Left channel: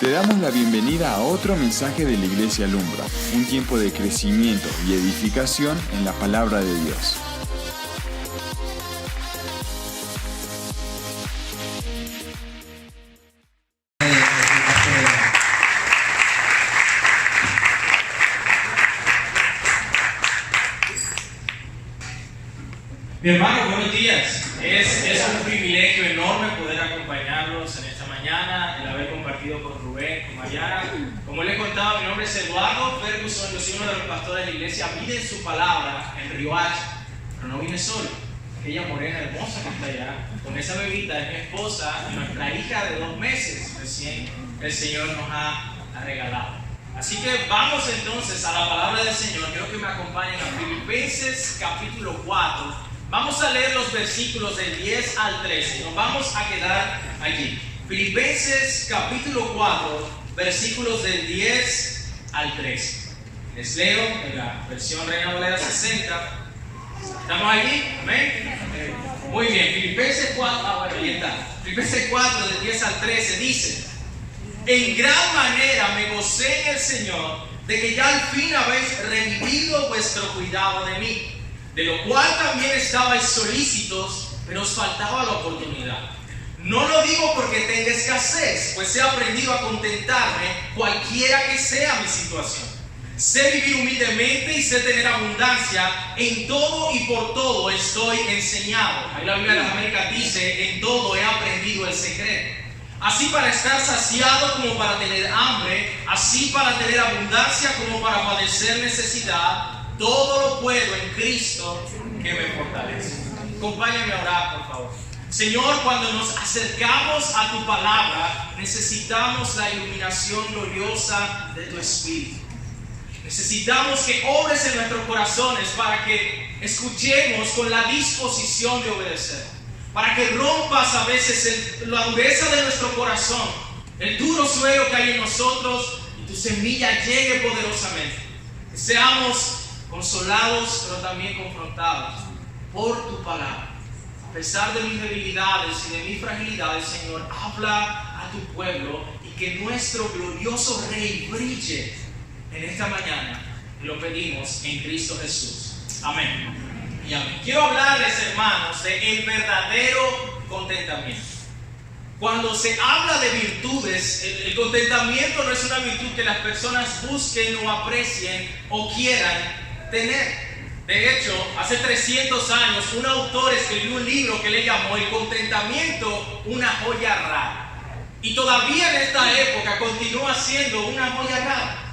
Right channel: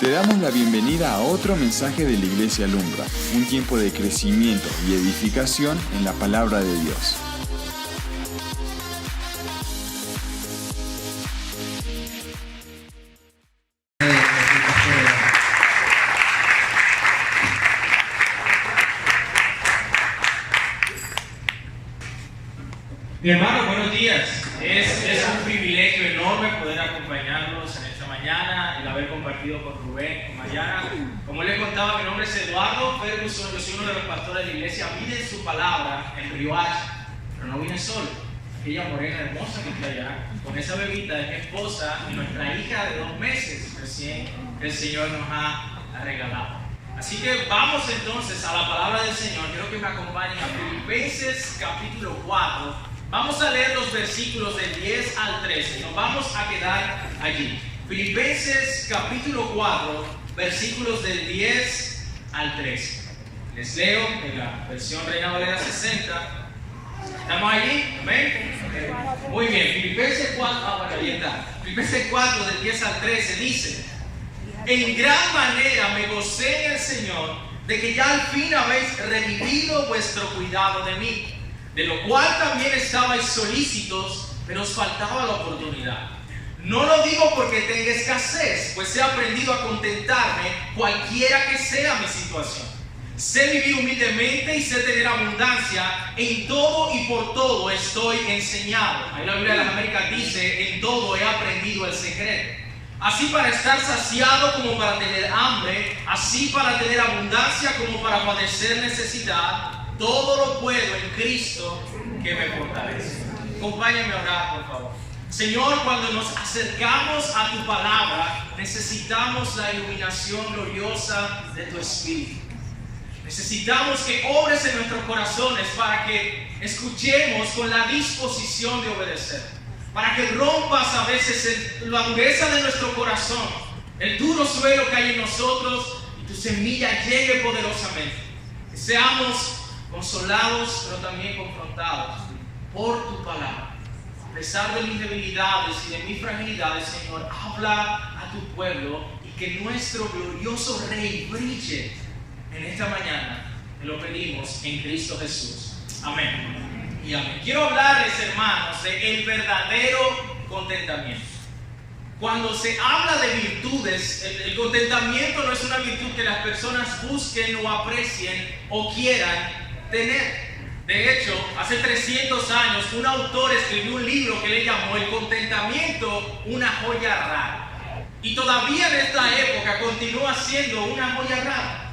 Te damos la bienvenida a otro mensaje de la Iglesia Alumbra, un tiempo de crecimiento y edificación en la palabra de Dios. Mi hermano, buenos días. Es un privilegio enorme poder acompañarlos en esta mañana, el haber compartido con Rubén, con Mariana. Como les contaba, mi nombre es Eduardo Ferguson, yo soy uno de los pastores de la iglesia. Vine en su palabra en Río Hacha, pero no vine solo. Aquella morena hermosa que está allá, con esa bebita, es mi esposa y nuestra hija de 2 meses recién el Señor nos ha regalado. Así que vamos entonces a la palabra del Señor. Quiero que me acompañen a Filipenses capítulo 4. Vamos a leer los versículos del 10 al 13. Nos vamos a quedar allí. Filipenses capítulo 4, versículos del 10 al 13. Les leo en la versión Reina Valera 60. ¿Estamos allí? ¿Amén? Muy bien. Filipenses 4, ahí está. Filipenses 4, del 10 al 13 dice: en gran manera me gocé en el Señor de que ya al fin habéis revivido vuestro cuidado de mí, de lo cual también estabais solícitos, pero os faltaba la oportunidad. No lo digo porque tenga escasez, pues he aprendido a contentarme cualquiera que sea mi situación. Sé vivir humildemente y sé tener abundancia. En todo y por todo estoy enseñado. Ahí la Biblia de las Américas dice: en todo he aprendido el secreto. Así para estar saciado como para tener hambre, así para tener abundancia como para padecer necesidad. Todo lo puedo en Cristo que me fortalece. Acompáñame a orar, por favor. Señor, cuando nos acercamos a tu palabra, necesitamos la iluminación gloriosa de tu Espíritu. Necesitamos que obres en nuestros corazones para que escuchemos con la disposición de obedecer. Para que rompas a veces la dureza de nuestro corazón, el duro suelo que hay en nosotros, y tu semilla llegue poderosamente. Que seamos consolados, pero también confrontados por tu palabra. A pesar de mis debilidades y de mis fragilidades, Señor, habla a tu pueblo y que nuestro glorioso Rey brille en esta mañana. Te lo pedimos en Cristo Jesús. Amén y amén. Quiero hablarles, hermanos, de el verdadero contentamiento. Cuando se habla de virtudes, el contentamiento no es una virtud que las personas busquen o aprecien o quieran tener. De hecho, hace 300 años un autor escribió un libro que le llamó El contentamiento, una joya rara. Y todavía en esta época continúa siendo una joya rara.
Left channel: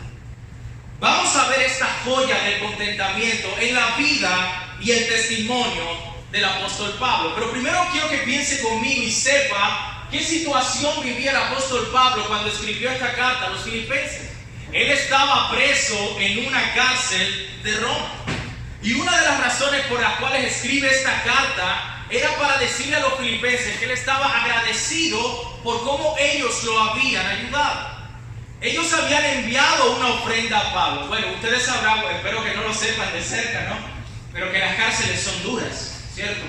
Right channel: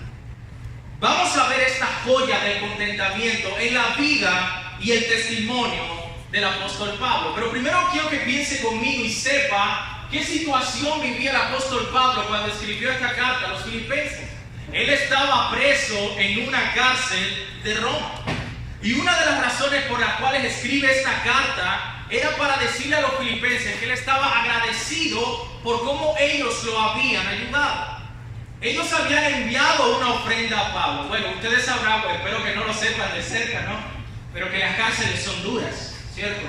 Vamos a ver esta joya del contentamiento en la vida y el testimonio del apóstol Pablo. Pero primero quiero que piense conmigo y sepa qué situación vivía el apóstol Pablo cuando escribió esta carta a los filipenses. Él estaba preso en una cárcel de Roma. Y una de las razones por las cuales escribe esta carta era para decirle a los filipenses que él estaba agradecido por cómo ellos lo habían ayudado. Ellos habían enviado una ofrenda a Pablo. Bueno, ustedes sabrán, espero que no lo sepan de cerca, ¿no? Pero que las cárceles son duras, ¿cierto?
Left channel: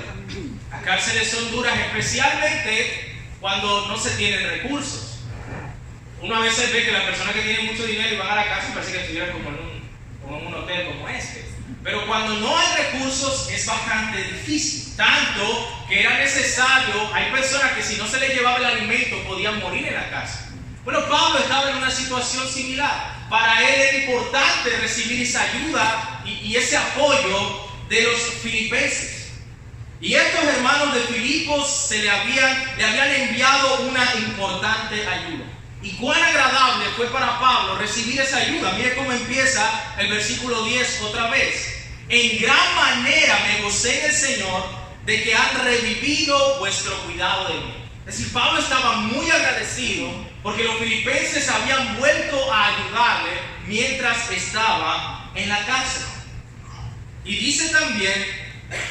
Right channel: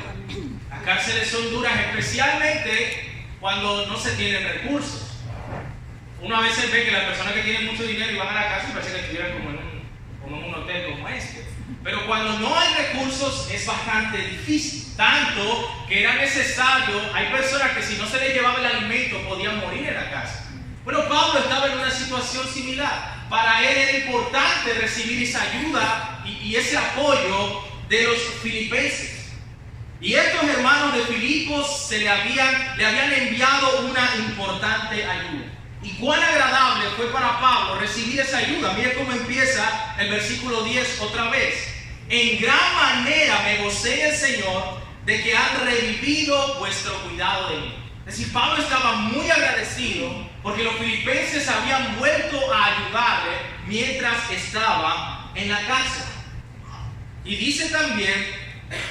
Las cárceles son duras especialmente cuando no se tienen recursos. Uno a veces ve que las personas que tienen mucho dinero y van a la cárcel parece que estuvieran como en un hotel como este. Pero cuando no hay recursos es bastante difícil. Tanto que era necesario, hay personas que si no se les llevaba el alimento podían morir en la casa. Bueno, Pablo estaba en una situación similar. Para él era importante recibir esa ayuda y ese apoyo de los filipenses. Y estos hermanos de Filipos le habían enviado una importante ayuda. Y cuán agradable fue para Pablo recibir esa ayuda. Mire cómo empieza el versículo 10 otra vez. En gran manera me gocé en el Señor de que han revivido vuestro cuidado de mí. Es decir, Pablo estaba muy agradecido porque los filipenses habían vuelto a ayudarle mientras estaba en la cárcel. Y dice también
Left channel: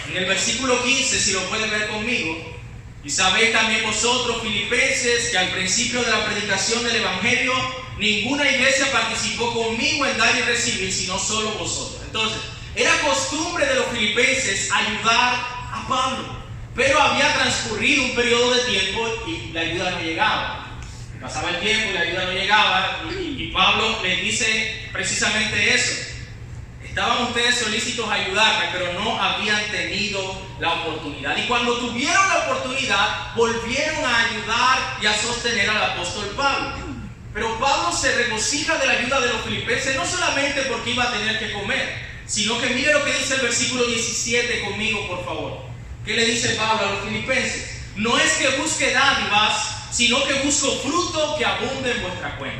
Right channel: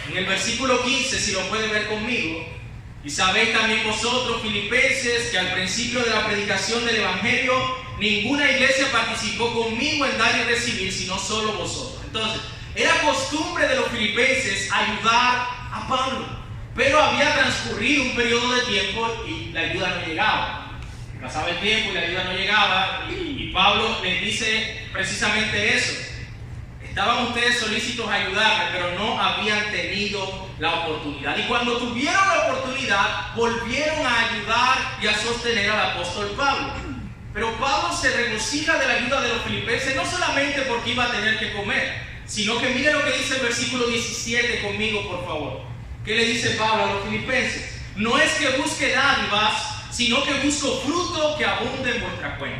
en el versículo 15, si lo pueden ver conmigo: y sabéis también vosotros, filipenses, que al principio de la predicación del Evangelio ninguna iglesia participó conmigo en dar y recibir, sino solo vosotros. Entonces, era costumbre de los filipenses ayudar a Pablo, pero había transcurrido un periodo de tiempo y la ayuda no llegaba. Pasaba el tiempo y la ayuda no llegaba, y Pablo les dice precisamente eso. Estaban ustedes solícitos a ayudarme, pero no habían tenido la oportunidad. Y cuando tuvieron la oportunidad, volvieron a ayudar y a sostener al apóstol Pablo. Pero Pablo se regocija de la ayuda de los filipenses, no solamente porque iba a tener que comer, sino que mire lo que dice el versículo 17 conmigo, por favor. ¿Qué le dice Pablo a los filipenses? No es que busque dádivas, sino que busco fruto que abunde en vuestra cuenta.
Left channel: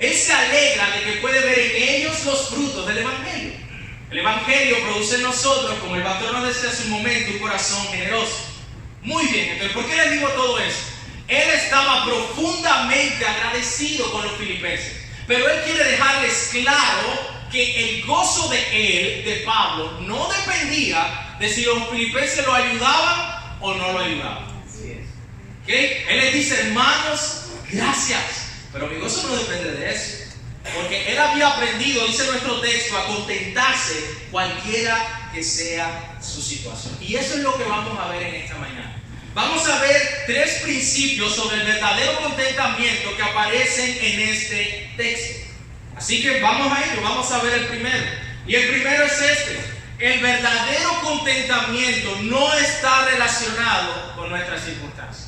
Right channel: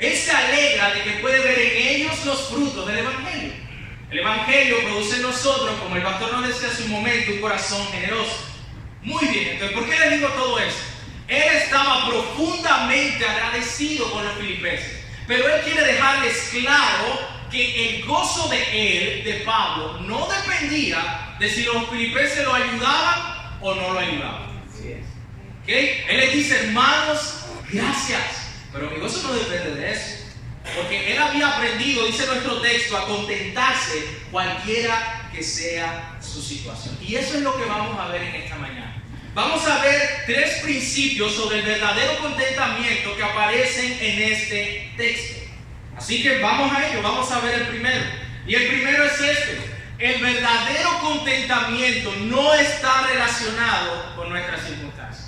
Él se alegra de que puede ver en ellos los frutos del Evangelio. El Evangelio produce en nosotros, como el pastor nos decía hace un momento, un corazón generoso. Muy bien, entonces, ¿por qué les digo todo esto? Él estaba profundamente agradecido con los filipenses, pero él quiere dejarles claro que el gozo de él, de Pablo, no dependía de si los filipenses lo ayudaban o no lo ayudaban. ¿Okay? Él les dice, hermanos, gracias, pero mi gozo no depende de eso, porque él había aprendido, dice nuestro texto, a contentarse cualquiera que sea su situación. Y eso es lo que vamos a ver en esta mañana. Vamos a ver 3 principios sobre el verdadero contentamiento que aparecen en este texto. Así que vamos a ello, vamos a ver el primero. Y el primero es este: el verdadero contentamiento no está relacionado con nuestras circunstancias.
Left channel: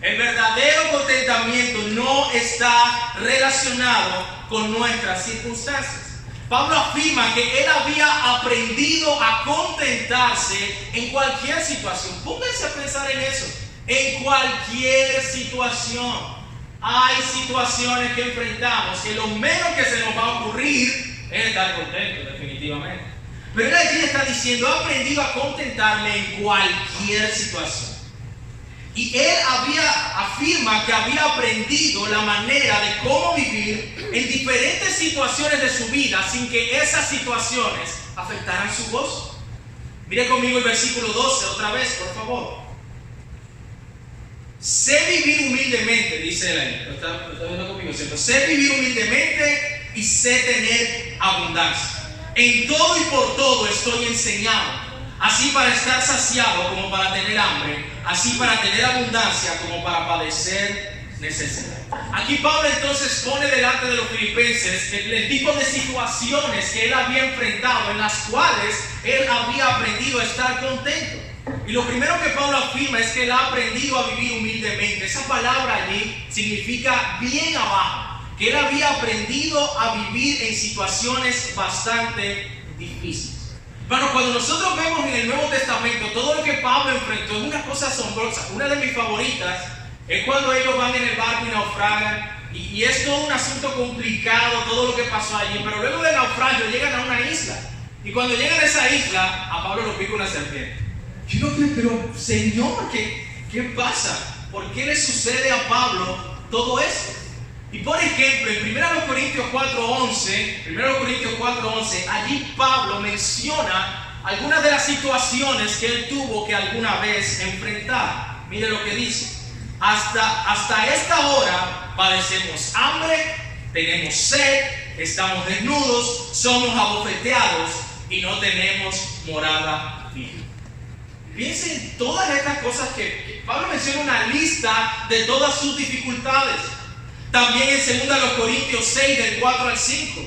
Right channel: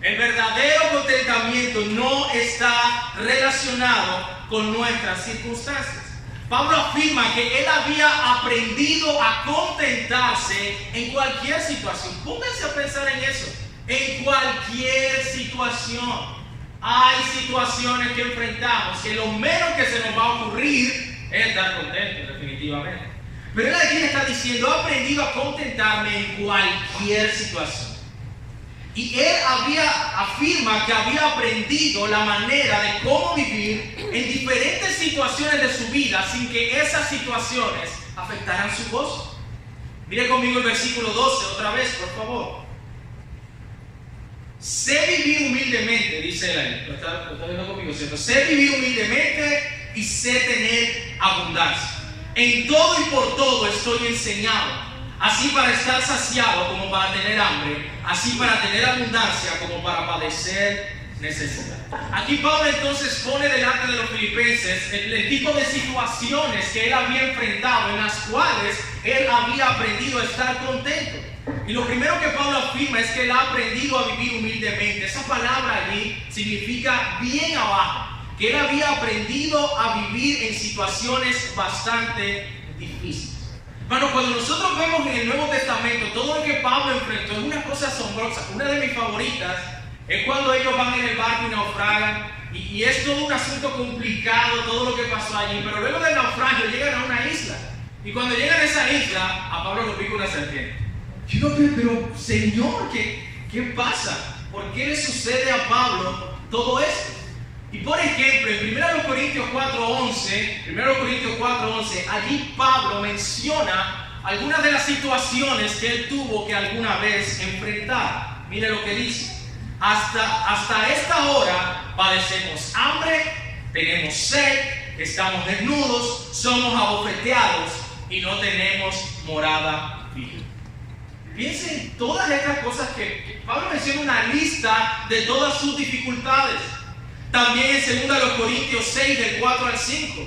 El verdadero contentamiento no está relacionado con nuestras circunstancias. Pablo afirma que él había aprendido a contentarse en cualquier situación. Pónganse a pensar en eso. En cualquier situación. Hay situaciones que enfrentamos que lo menos que se nos va a ocurrir es estar contentos, definitivamente. Pero él allí está diciendo, he aprendido a contentarme en cualquier situación. Y él afirma que había aprendido la manera de cómo vivir en diferentes situaciones de su vida sin que esas situaciones afectaran su gozo. Mire conmigo el versículo 12 otra vez, por favor. Sé vivir humildemente, dice él ahí. Lo está viendo conmigo, ¿cierto? Sé vivir humildemente y sé tener abundancia. En todo y por todo estoy enseñado, así para estar saciado como para tener hambre, así para tener abundancia como para padecer necesidad. Aquí Pablo entonces pone delante de los filipenses el tipo de situaciones que él había enfrentado, en las cuales él había aprendido a estar contento. Y lo primero que Pablo afirma es que él ha aprendido a vivir humildemente. Esa palabra allí significa bien abajo, que él había aprendido a vivir en situaciones bastante difíciles. Bueno, cuando nosotros vemos en el Nuevo Testamento todo lo que Pablo enfrentó, es una cosa asombrosa. Una de mis favoritas es cuando ellos van en el barco y naufragan, y es todo un asunto complicado, todo lo que pasó allí, pero luego del naufragio llegan a una isla, y cuando llegan a esa isla, a Pablo lo pica una serpiente. Yo no creo, pero Señor, ¿qué pasa? ¿Por qué le sucede a Pablo todo esto? Y por ejemplo, en 1 Corintios 4:11, allí Pablo menciona algunas de las situaciones que él tuvo que alguna vez enfrentar. Mire lo que dice: hasta esta hora padecemos hambre, tenemos sed, estamos desnudos, somos abofeteados y no tenemos morada fija. Piensen en todas estas cosas que Pablo menciona, una lista de todas sus dificultades. También en 2 Corintios 6 del 4 al 5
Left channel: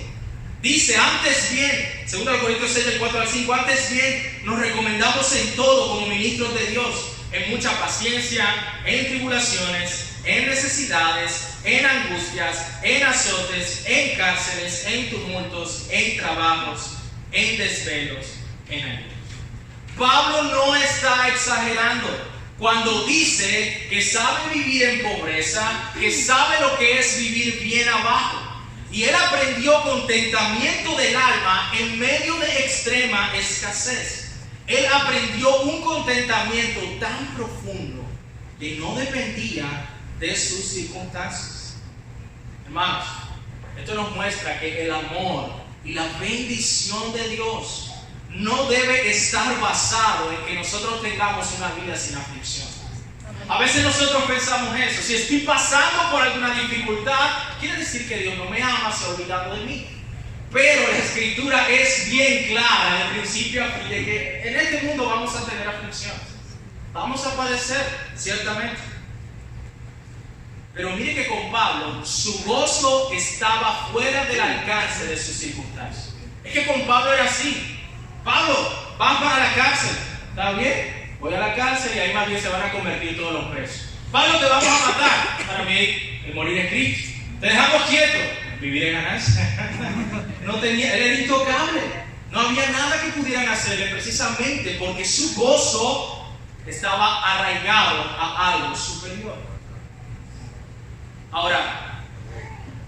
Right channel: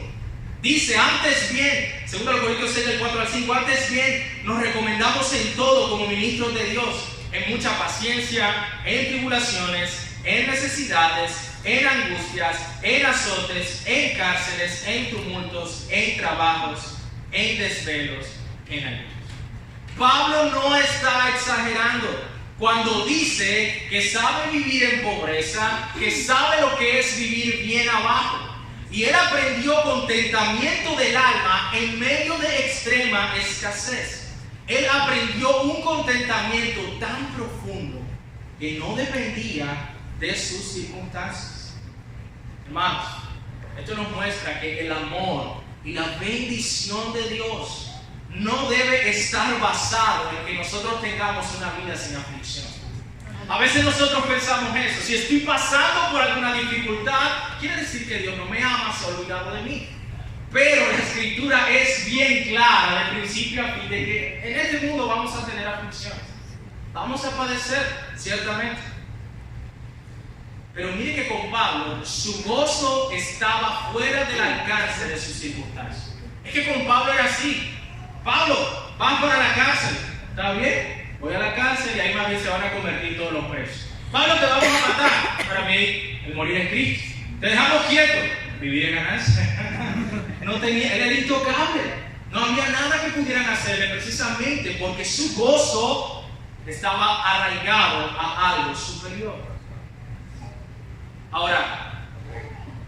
dice, antes bien, 2 Corintios 6 del 4 al 5, antes bien nos recomendamos en todo como ministros de Dios, en mucha paciencia, en tribulaciones, en necesidades, en angustias, en azotes, en cárceles, en tumultos, en trabajos, en desvelos, en ayunos. Pablo no está exagerando cuando dice que sabe vivir en pobreza, que sabe lo que es vivir bien abajo. Y él aprendió contentamiento del alma en medio de extrema escasez. Él aprendió un contentamiento tan profundo que no dependía de sus circunstancias. Hermanos, esto nos muestra que el amor y la bendición de Dios no debe estar basado en que nosotros tengamos una vida sin aflicción. A veces nosotros pensamos eso: si estoy pasando por alguna dificultad, quiere decir que Dios no me ama, se ha olvidado de mí. Pero la Escritura es bien clara de principio a fin de que en este mundo vamos a tener aflicciones, vamos a padecer, ciertamente. Pero mire que con Pablo, su gozo estaba fuera del alcance de sus circunstancias. Es que con Pablo era así. Pablo, vas para la cárcel. ¿Está bien? Voy a la cárcel y ahí más bien se van a convertir todos los presos. Pablo, te vamos a matar. Para mí, el morir es Cristo. Te dejamos quieto. Vivir es ganancia. No tenía, él era intocable. No había nada que pudieran hacerle, precisamente porque su gozo estaba arraigado a algo superior. Ahora,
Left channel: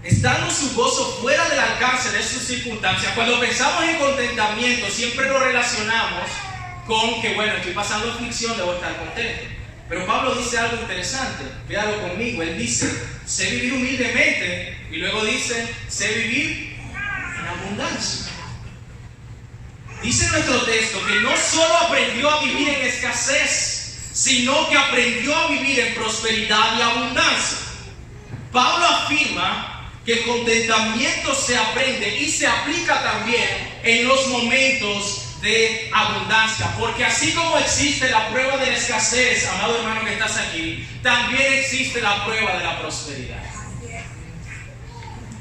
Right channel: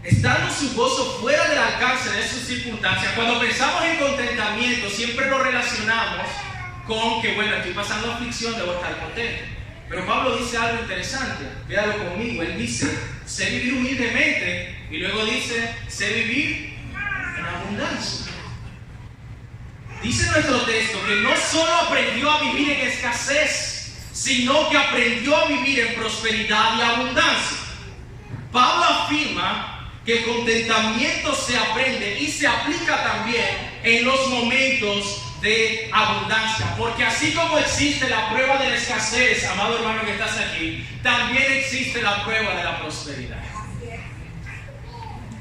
estando su gozo fuera del alcance de sus circunstancias, cuando pensamos en contentamiento, siempre lo relacionamos con que, bueno, estoy pasando aflicción, debo estar contento. Pero Pablo dice algo interesante, véalo conmigo. Él dice, sé vivir humildemente, y luego dice, sé vivir en abundancia. Dice nuestro texto que no solo aprendió a vivir en escasez, sino que aprendió a vivir en prosperidad y abundancia. Pablo afirma que el contentamiento se aprende y se aplica también en los momentos de abundancia, porque así como existe la prueba de la escasez, amado hermano que estás aquí, también existe la prueba de la prosperidad.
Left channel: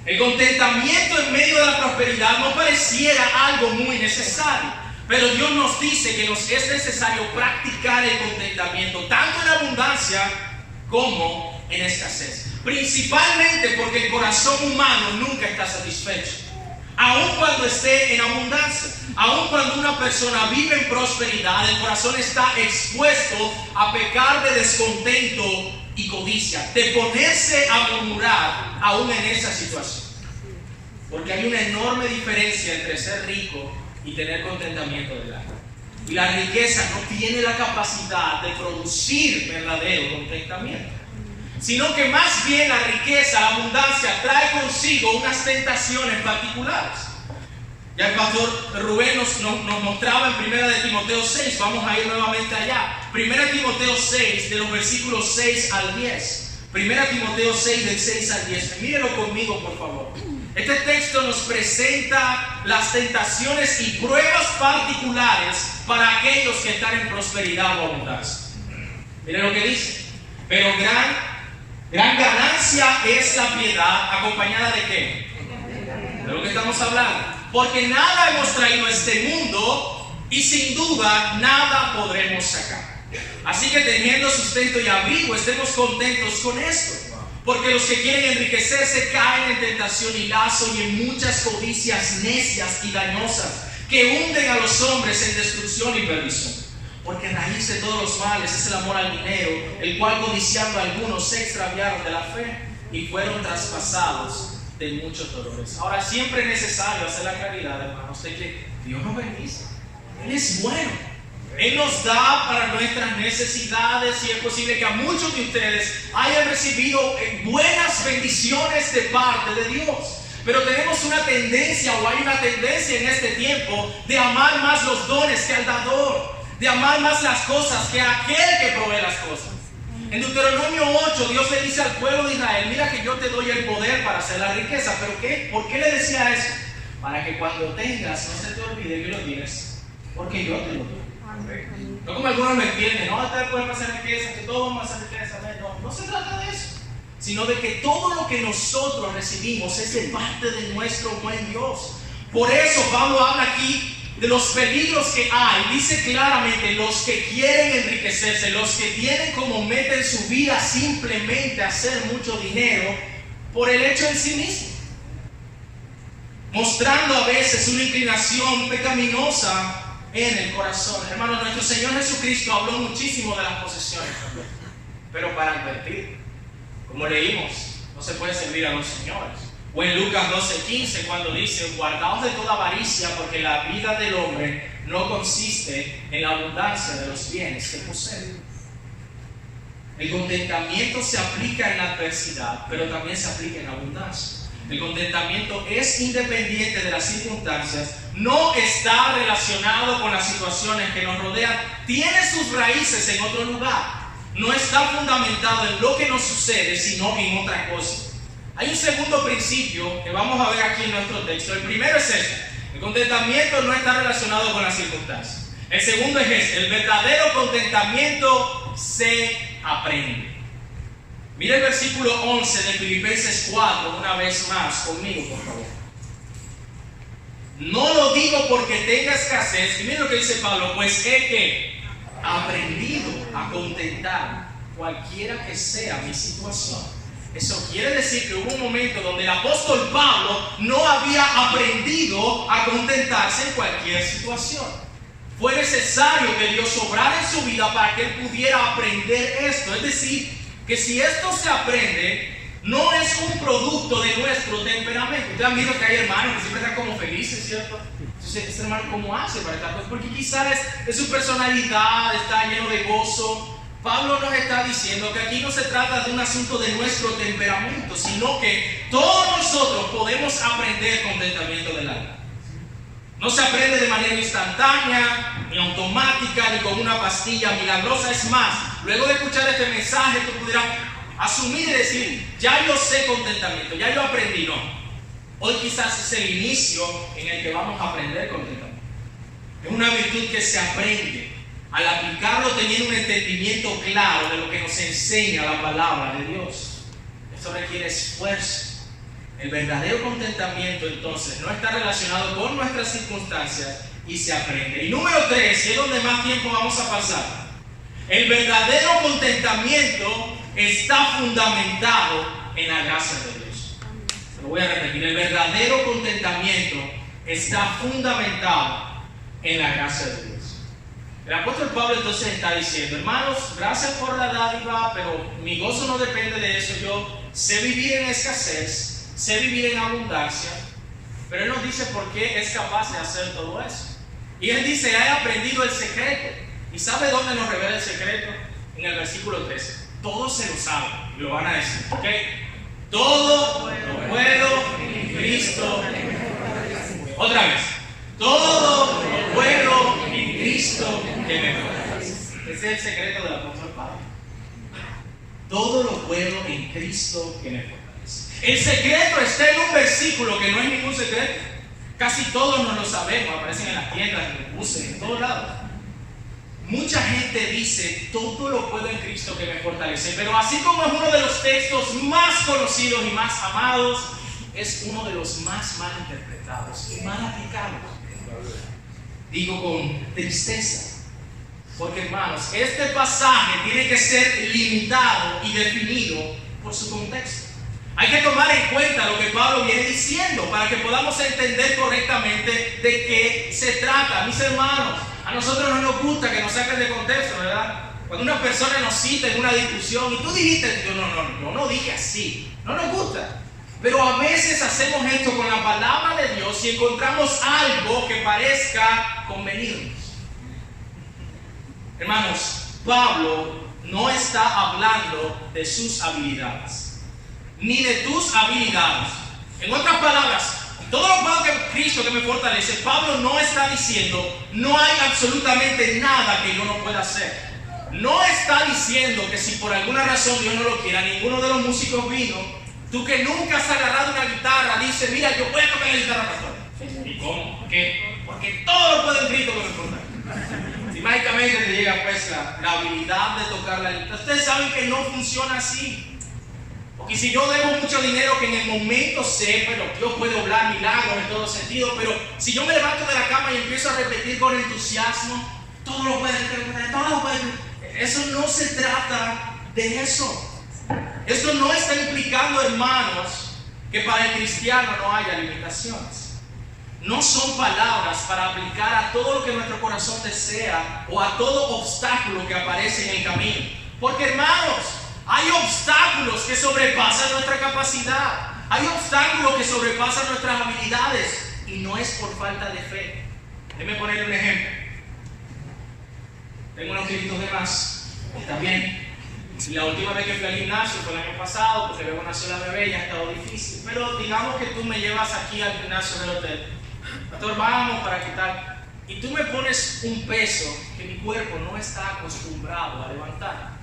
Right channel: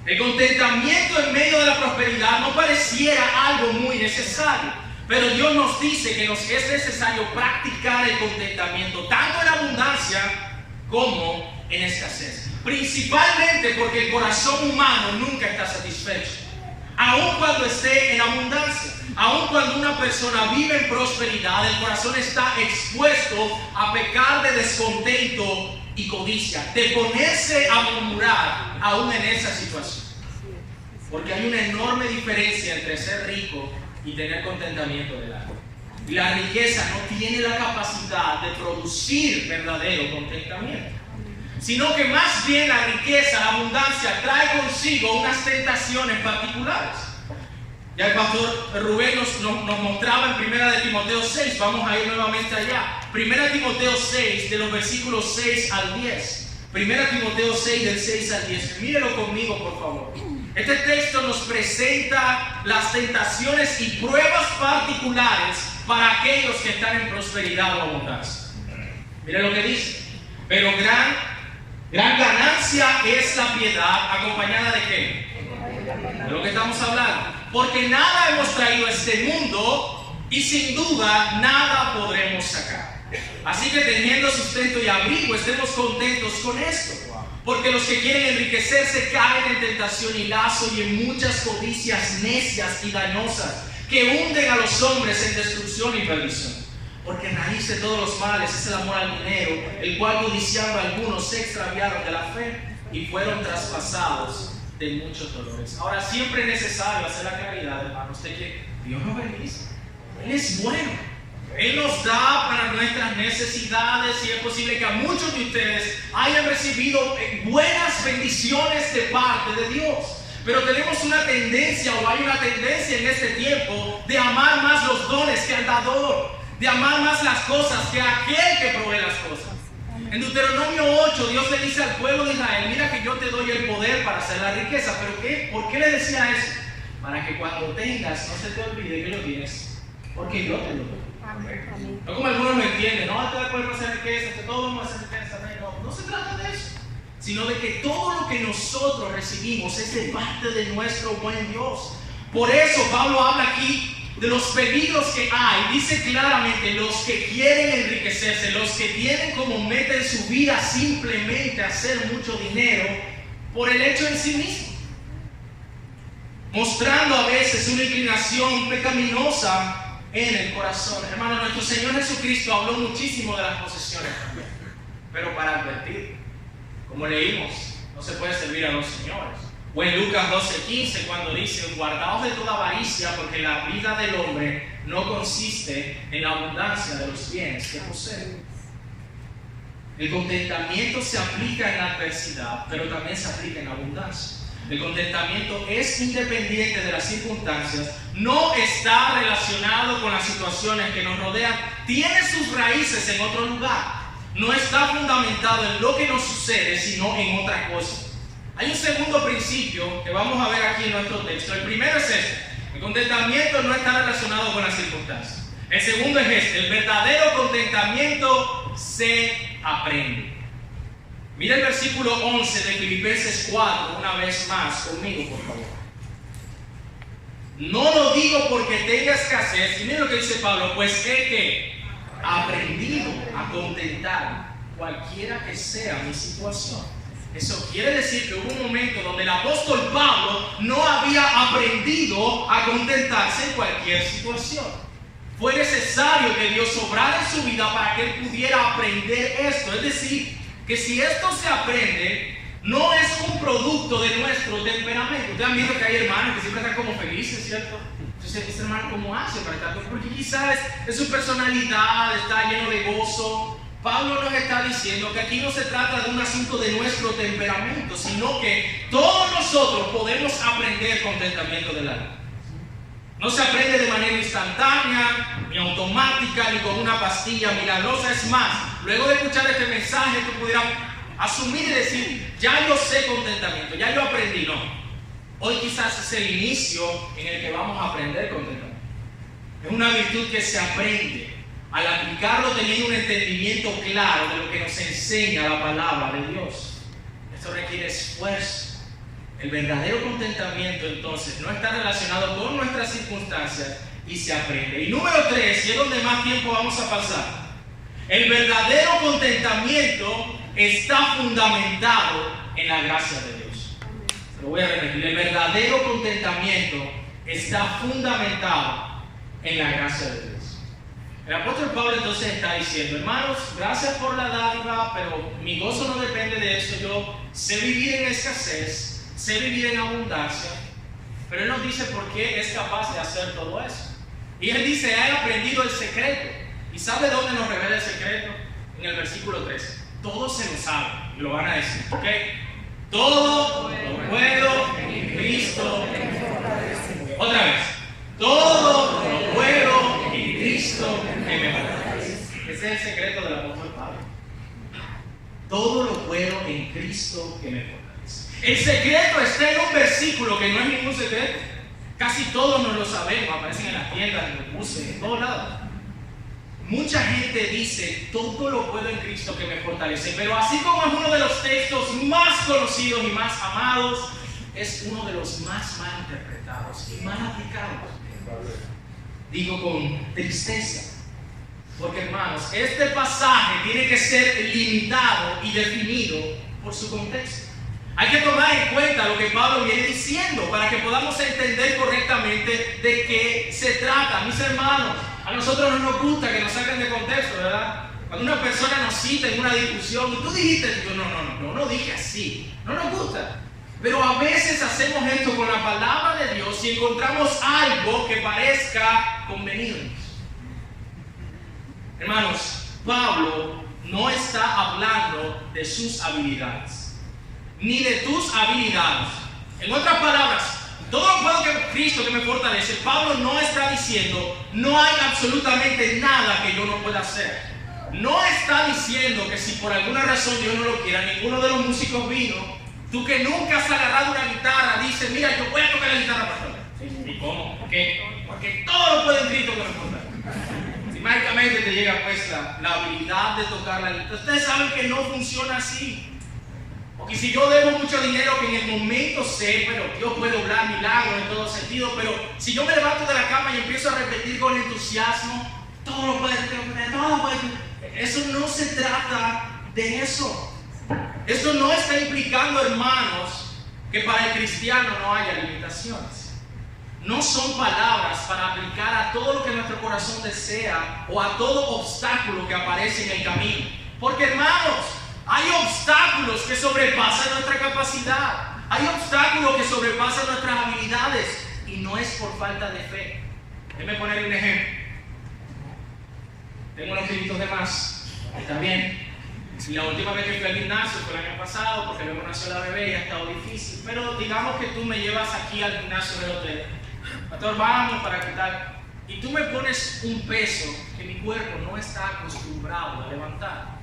El contentamiento en medio de la prosperidad no pareciera algo muy necesario, pero Dios nos dice que nos es necesario practicar el contentamiento tanto en abundancia como en escasez. Principalmente porque el corazón humano nunca está satisfecho, aun cuando esté en abundancia. Aun cuando una persona vive en prosperidad, el corazón está expuesto a pecar de descontento y codicia, de ponerse a murmurar aún en esa situación. Porque hay una enorme diferencia entre ser rico y tener contentamiento del alma. Y la riqueza no tiene la capacidad de producir verdadero contentamiento, sino que más bien la riqueza, la abundancia, trae consigo unas tentaciones particulares. Ya el pastor Rubén nos mostraba en 1 de Timoteo 6, vamos a ir nuevamente allá. 1 Timoteo 6, de los versículos 6 al 10. 1 Timoteo 6, del 6 al 10. Mírelo conmigo, por favor. Este texto nos presenta las tentaciones y pruebas particulares para aquellos que están en prosperidad o abundancia. Mire lo que dice. Pero gran ganancia es la piedad, ¿acompañada de qué? De lo que estamos hablando. Porque nada hemos traído a este mundo y sin duda nada podremos sacar. Así que teniendo sustento y abrigo, estemos contentos con esto. Porque los que quieren enriquecerse caen en tentación y lazo y en muchas codicias necias y dañosas que hunden a los hombres en destrucción y perdición. Porque raíz de todos los males es el amor al dinero, el cual codiciando a algunos se extraviaron de la fe y fueron traspasados de muchos dolores. Ahora, siempre es necesario hacer la claridad, hermanos, de que Dios nos bendice. Él es bueno. Él nos da para nuestras necesidades y es posible que a muchos de ustedes hayan recibido buenas bendiciones de parte de Dios. Pero tenemos una tendencia, o hay una tendencia en este tiempo, de amar más los dones que al dador, de amar más las cosas que a aquel que provee las cosas. En Deuteronomio 8, Dios le dice al pueblo de Israel, mira que yo te doy el poder para hacer la riqueza. ¿Pero qué? ¿Por qué le decía eso? Para que cuando tengas, no se te olvide que lo tienes, porque yo te lo doy. No como algunos lo entienden, no, tal puede pasar riqueza, que todos vamos a hacer riqueza. No se trata de eso, sino de que todo lo que nosotros recibimos es de parte de nuestro buen Dios. Por eso Pablo habla aquí de los peligros que hay. Dice claramente, los que quieren enriquecerse, los que tienen como meta en su vida simplemente hacer mucho dinero por el hecho en sí mismo, mostrando a veces una inclinación pecaminosa en el corazón. Hermano, nuestro Señor Jesucristo habló muchísimo de las posesiones también, pero para advertir, como leímos, no se puede servir a dos señores. O en Lucas 12:15, cuando dice, guardaos de toda avaricia, porque la vida del hombre no consiste en la abundancia de los bienes que posee. El contentamiento se aplica en la adversidad, pero también se aplica en abundancia. El contentamiento es independiente de las circunstancias, no está relacionado con las situaciones que nos rodean, tiene sus raíces en otro lugar, no está fundamentado en lo que nos sucede, sino en otra cosa. Hay un segundo principio que vamos a ver aquí en nuestro texto. El primero es este: el contentamiento no está relacionado con las circunstancias. El segundo es este: el verdadero contentamiento se aprende. Mira el versículo 11 de Filipenses 4, una vez más, conmigo, por favor. No lo digo porque tenga escasez, y mira lo que dice Pablo, pues he que aprendido a contentar cualquiera que sea mi situación. Eso quiere decir que hubo un momento donde el apóstol Pablo no había aprendido a contentarse en cualquier situación. Fue necesario que Dios obrara en su vida para que él pudiera aprender esto. Es decir, que si esto se aprende, no es un producto de nuestro temperamento. Ustedes han visto que hay hermanos que siempre están como felices, ¿cierto? Entonces, ¿este hermano cómo hace para estar? Porque quizás es su personalidad, está lleno de gozo. Pablo nos está diciendo que aquí no se trata de un asunto de nuestro temperamento, sino que todos nosotros podemos aprender contentamiento del alma. No se aprende de manera instantánea, ni automática, ni con una pastilla milagrosa. Es más, luego de escuchar este mensaje, tú pudieras asumir y decir, ya yo sé contentamiento, ya yo aprendí. No, hoy quizás es el inicio en el que vamos a aprender contentamiento. Es una virtud que se aprende al aplicarlo teniendo un entendimiento claro de lo que nos enseña la palabra de Dios. Esto requiere esfuerzo. El verdadero contentamiento entonces no está relacionado con nuestras circunstancias y se aprende. Y número 3, y es donde más tiempo vamos a pasar, el verdadero contentamiento está fundamentado en la gracia de Dios. Se lo voy a repetir, el verdadero contentamiento está fundamentado en la gracia de Dios. El apóstol Pablo entonces está diciendo, hermanos, gracias por la dádiva, pero mi gozo no depende de eso. Yo sé vivir en escasez, sé vivir en abundancia, pero él nos dice por qué es capaz de hacer todo eso. Y él dice, he aprendido el secreto. ¿Y sabe dónde nos revela el secreto? En el versículo 13. Todos se lo saben y lo van a decir, ¿ok? Todo lo puedo en Cristo. Otra vez. Todo lo puedo en Cristo que me fortalece. Ese es el secreto del apóstol Pablo. Todo lo puedo en Cristo que me fortalece. El secreto está en un versículo que no es ningún secreto. Casi todos nos lo sabemos, aparecen en las tiendas, en los buses, en todos lados. Mucha gente dice, todo lo puedo en Cristo que me fortalece, pero así como es uno de los textos más conocidos y más amados, es uno de los más mal interpretados y mal aplicados. Digo con tristeza, porque hermanos, este pasaje tiene que ser limitado y definido por su contexto. Hay que tomar en cuenta lo que Pablo viene diciendo para que podamos entender correctamente de qué se trata. Mis hermanos, a nosotros no nos gusta que nos saquen de contexto, ¿verdad? Cuando una persona nos cita en una discusión y tú dijiste, yo no dije así, no nos gusta. Pero a veces hacemos esto con la palabra de Dios y encontramos algo que parezca convenirnos. Hermanos, Pablo no está hablando de sus habilidades, ni de tus habilidades. En otras palabras, todo lo puedo que Cristo que me fortalece. Pablo no está diciendo, no hay absolutamente nada que yo no pueda hacer. No está diciendo que si por alguna razón Dios no lo quiera, ninguno de los músicos vino. Tú que nunca has agarrado una guitarra, dices, mira, yo voy a tocar la guitarra, pastor. ¿Y cómo? ¿Por qué? Porque todo lo puede en Cristo que me fortalece. Si mágicamente te llega pues la habilidad de tocar la guitarra. Ustedes saben que no funciona así. Porque si yo debo mucho dinero que en el momento sé, bueno, Dios puede obrar milagros en todo sentido, pero si yo me levanto de la cama y empiezo a repetir con entusiasmo, todo lo puede, eso no se trata de eso. Esto no está implicando, hermanos, que para el cristiano no haya limitaciones. No son palabras para aplicar a todo lo que nuestro corazón desea o a todo obstáculo que aparece en el camino. Porque, hermanos, hay obstáculos que sobrepasan nuestra capacidad. Hay obstáculos que sobrepasan nuestras habilidades y no es por falta de fe. Déjenme ponerle un ejemplo. Tengo unos kilitos de más. ¿Está bien? La última vez que fui al gimnasio fue el año pasado, porque luego nació la bebé y ha estado difícil. Pero digamos que tú me llevas aquí al gimnasio del hotel. Pastor, vamos para qué tal. Y tú me pones un peso que mi cuerpo no está acostumbrado a levantar.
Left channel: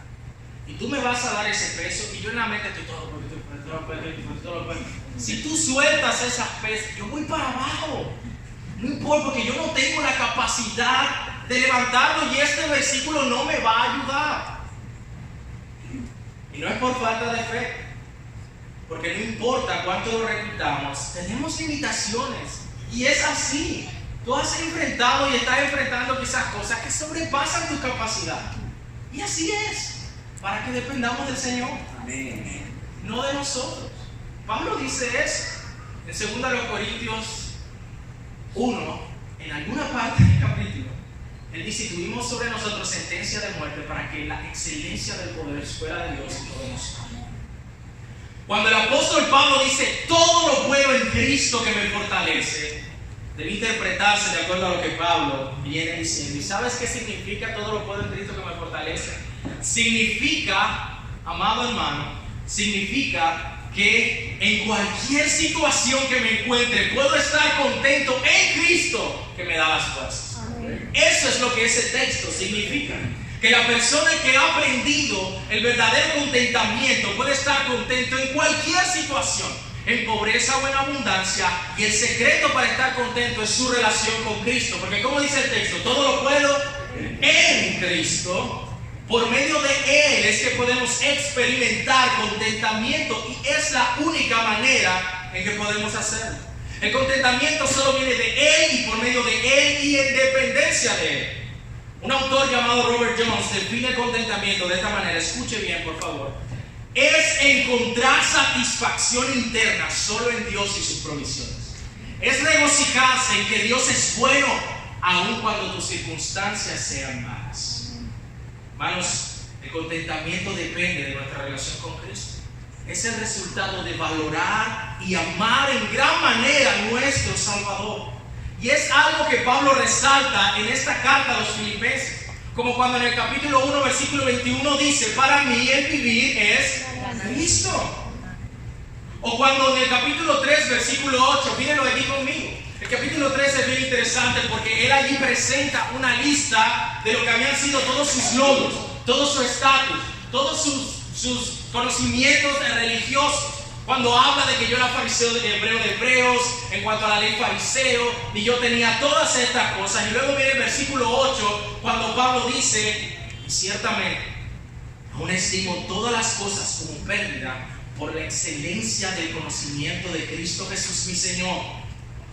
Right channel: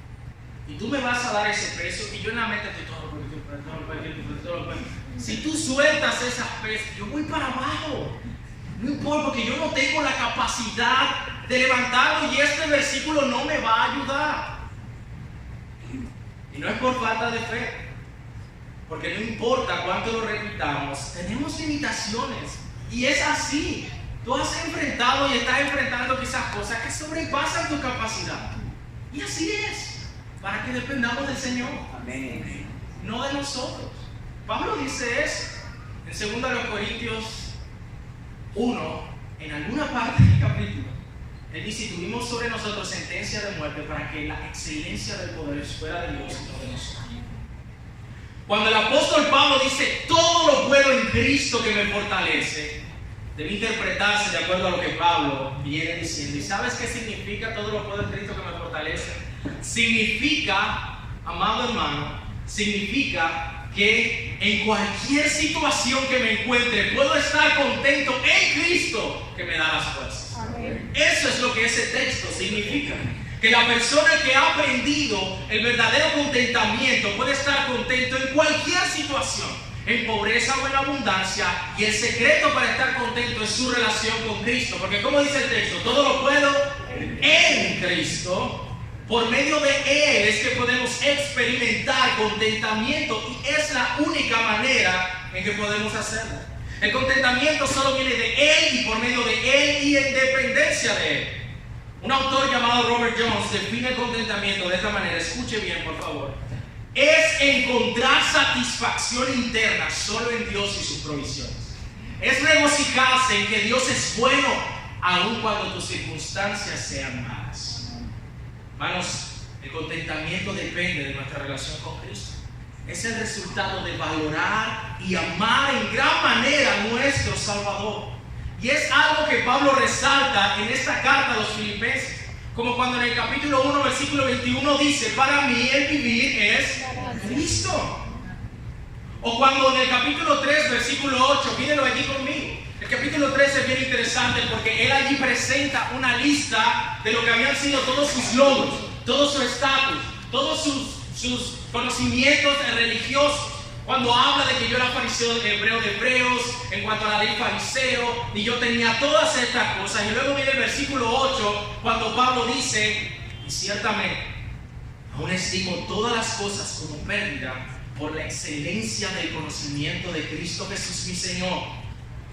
Y tú me vas a dar ese peso y yo en la mente estoy todo. Si tú sueltas esas pesas, yo voy para abajo. No importa, porque yo no tengo la capacidad de levantarlo y este versículo no me va a ayudar. Y no es por falta de fe, porque no importa cuánto lo repitamos, tenemos limitaciones. Y es así. Tú has enfrentado y estás enfrentando quizás cosas que sobrepasan tu capacidad. Y así es, para que dependamos del Señor. Amén. No de nosotros. Pablo dice eso en 2 Corintios 1, en alguna parte del capítulo. Él dice: tuvimos sobre nosotros sentencia de muerte para que la excelencia del poder fuera de Dios y no de nosotros. Cuando el apóstol Pablo dice todo lo puedo en Cristo que me fortalece, debe interpretarse de acuerdo a lo que Pablo viene diciendo. ¿Y sabes qué significa todo lo puedo en Cristo que me fortalece? Significa, amado hermano, significa que en cualquier situación que me encuentre puedo estar contento en Cristo que me da las fuerzas. Amén. Eso es lo que ese texto significa. Que la persona que ha aprendido el verdadero contentamiento puede estar contento en cualquier situación, en pobreza o en abundancia, y el secreto para estar contento es su relación con Cristo, porque como dice el texto, todo lo puedo en Cristo. Por medio de Él es que podemos experimentar contentamiento, y es la única manera en que podemos hacerlo. El contentamiento solo viene de Él y por medio de Él y en dependencia de Él. Un autor llamado Robert Jones define el contentamiento de esta manera. Escuche bien, por favor. Es encontrar satisfacción interna solo en Dios y sus provisiones. Es regocijarse en que Dios es bueno aun cuando tus circunstancias sean malas. Hermanos, el contentamiento depende de nuestra relación con Cristo. Es el resultado de valorar y amar en gran manera a nuestro Salvador. Y es algo que Pablo resalta en esta carta a los Filipenses. Como cuando en el capítulo 1, versículo 21 dice: para mí el vivir es Cristo. O cuando en el capítulo 3, versículo 8, mírenlo aquí conmigo. El capítulo 3 es bien interesante porque él allí presenta una lista de lo que habían sido todos sus logros, todo su estatus, todos sus conocimientos religiosos. Cuando habla de que yo era fariseo, hebreo de hebreos, en cuanto a la ley fariseo, y yo tenía todas estas cosas. Y luego viene el versículo 8, cuando Pablo dice: y ciertamente, aún estimo todas las cosas como pérdida por la excelencia del conocimiento de Cristo Jesús mi Señor,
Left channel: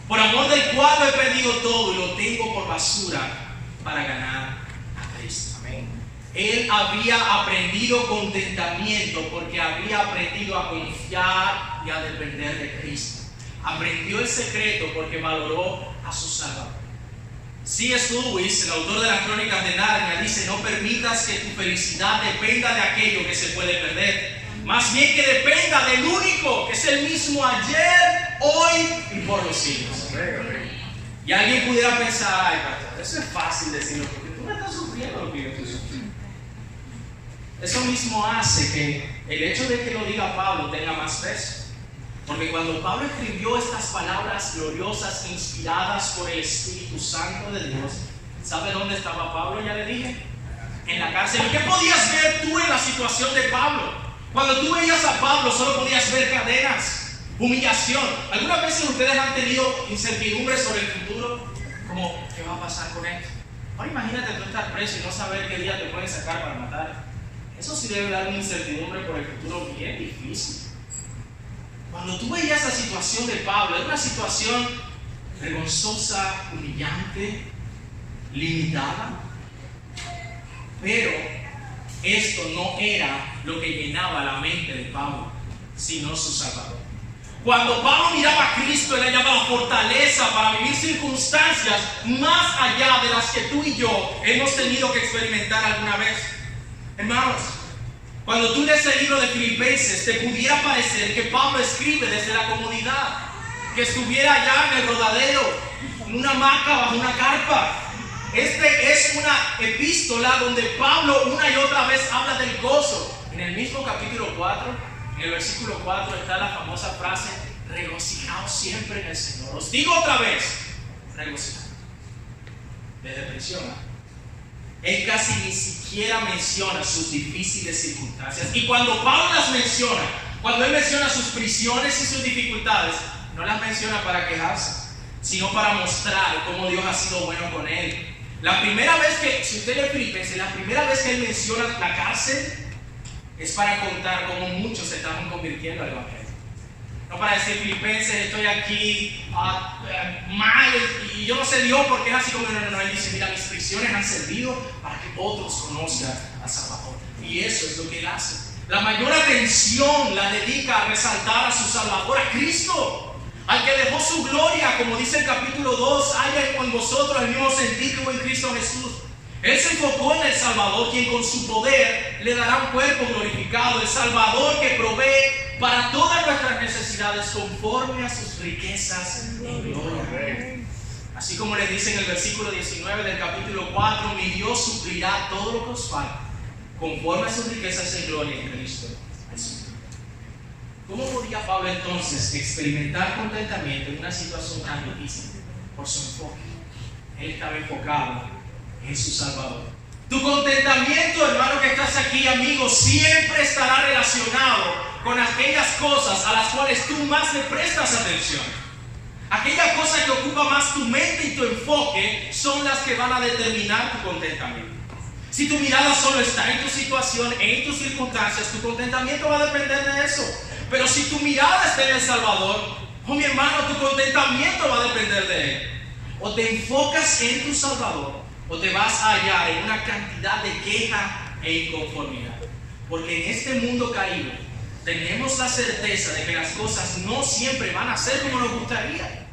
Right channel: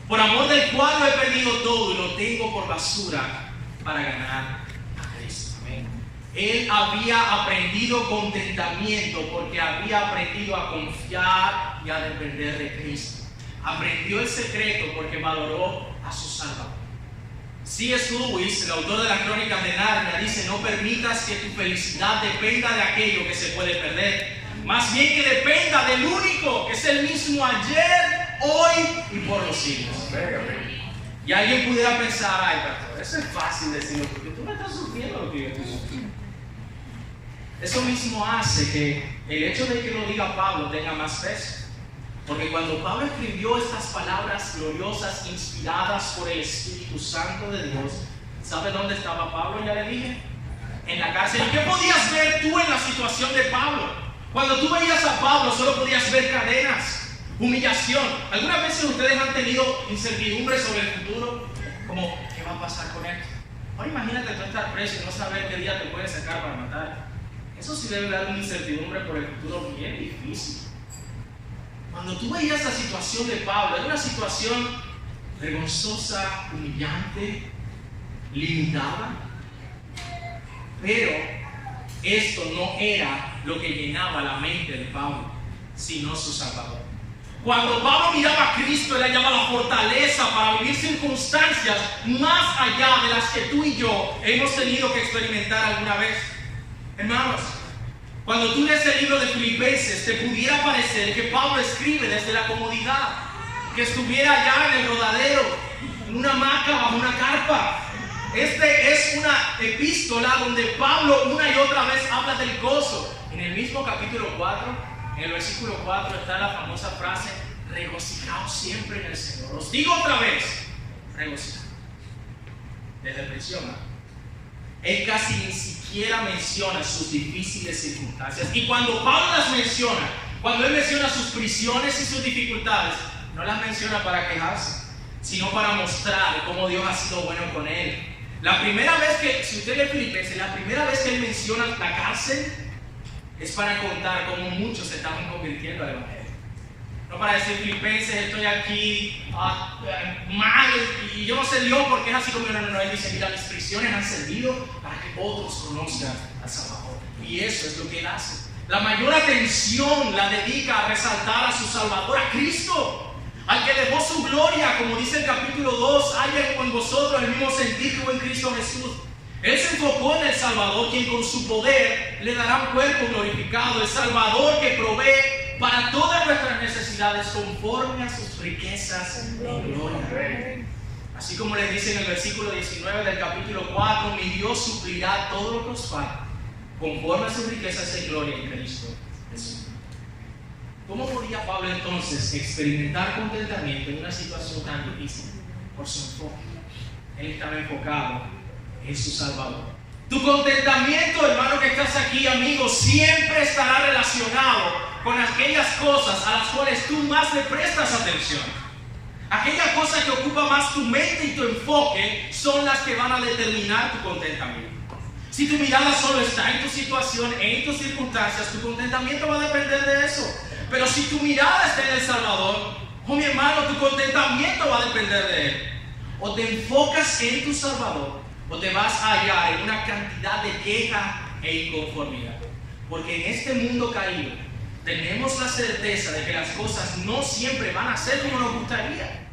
por amor del cual lo he perdido todo y lo tengo por basura para ganar a Cristo. Amén. Él había aprendido contentamiento porque había aprendido a confiar y a depender de Cristo. Aprendió el secreto porque valoró a su Salvador. C.S. Lewis, el autor de las Crónicas de Narnia, dice: no permitas que tu felicidad dependa de aquello que se puede perder, más bien que dependa del único que es el mismo ayer, hoy y por los siglos. Y alguien pudiera pensar: ay, pastor, eso es fácil decirlo porque tú no estás sufriendo lo que yo estoy sufriendo. Eso mismo hace que el hecho de que lo diga Pablo tenga más peso. Porque cuando Pablo escribió estas palabras gloriosas, inspiradas por el Espíritu Santo de Dios, ¿sabe dónde estaba Pablo? Ya le dije, en la cárcel. ¿Y qué podías ver tú en la situación de Pablo? Cuando tú veías a Pablo, solo podías ver cadenas, humillación. ¿Algunas veces ustedes han tenido incertidumbre sobre el futuro? Como, ¿qué va a pasar con esto? Ahora imagínate tú estar preso y no saber qué día te pueden sacar para matar. Eso sí debe dar una incertidumbre por el futuro bien difícil. Cuando tú veías la situación de Pablo, era una situación vergonzosa, humillante, limitada. Pero esto no era lo que llenaba la mente de Pablo, sino su Salvador. Cuando Pablo miraba a Cristo, él hallaba la fortaleza para vivir circunstancias más allá de las que tú y yo hemos tenido que experimentar alguna vez. Hermanos, cuando tú lees el libro de Filipenses, te pudiera parecer que Pablo escribe desde la comodidad, que estuviera allá en el rodadero, en una hamaca, bajo una carpa. Este es una epístola donde Pablo una y otra vez habla del gozo. En el mismo capítulo 4, en el versículo 4 está la famosa frase: regocijaos siempre en el Señor. Os digo otra vez, regocijaos. Desde prisión, él casi ni siquiera menciona sus difíciles circunstancias. Y cuando Pablo las menciona, cuando él menciona sus prisiones y sus dificultades, no las menciona para quejarse, sino para mostrar cómo Dios ha sido bueno con él. La primera vez que, si usted lee Filipenses, la primera vez que él menciona la cárcel, es para contar cómo muchos se estaban convirtiendo al Evangelio. No para decir, Filipenses, estoy aquí mal y yo no sé Dios porque es así como no. Él dice, mira, mis prisiones han servido para que otros conozcan al Salvador. Y eso es lo que él hace. La mayor atención la dedica a resaltar a su Salvador, a Cristo, al que dejó su gloria, como dice el capítulo 2, haya en vosotros el mismo sentir que hubo en Cristo Jesús. Él se enfocó en el Salvador, quien con su poder le dará un cuerpo glorificado, el Salvador que provee para todas nuestras necesidades conforme a sus riquezas en gloria. Así como les dice en el versículo 19 del capítulo 4, mi Dios suplirá todo lo que os falta conforme a sus riquezas en gloria en Cristo Jesús. ¿Cómo podía Pablo entonces experimentar contentamiento en una situación tan difícil? Por su enfoque. Él estaba enfocado en su Salvador. Tu contentamiento, hermano que estás aquí, amigo, siempre estará relacionado con aquellas cosas a las cuales tú más le prestas atención. Aquella cosa que ocupa más tu mente y tu enfoque son las que van a determinar tu contentamiento. Si tu mirada solo está en tu situación, en tus circunstancias, tu contentamiento va a depender de eso. Pero si tu mirada está en el Salvador, oh mi hermano, tu contentamiento va a depender de Él. O te enfocas en tu Salvador, o te vas a hallar en una cantidad de queja e inconformidad. Porque en este mundo caído, tenemos la certeza de que las cosas no siempre van a ser como nos gustaría.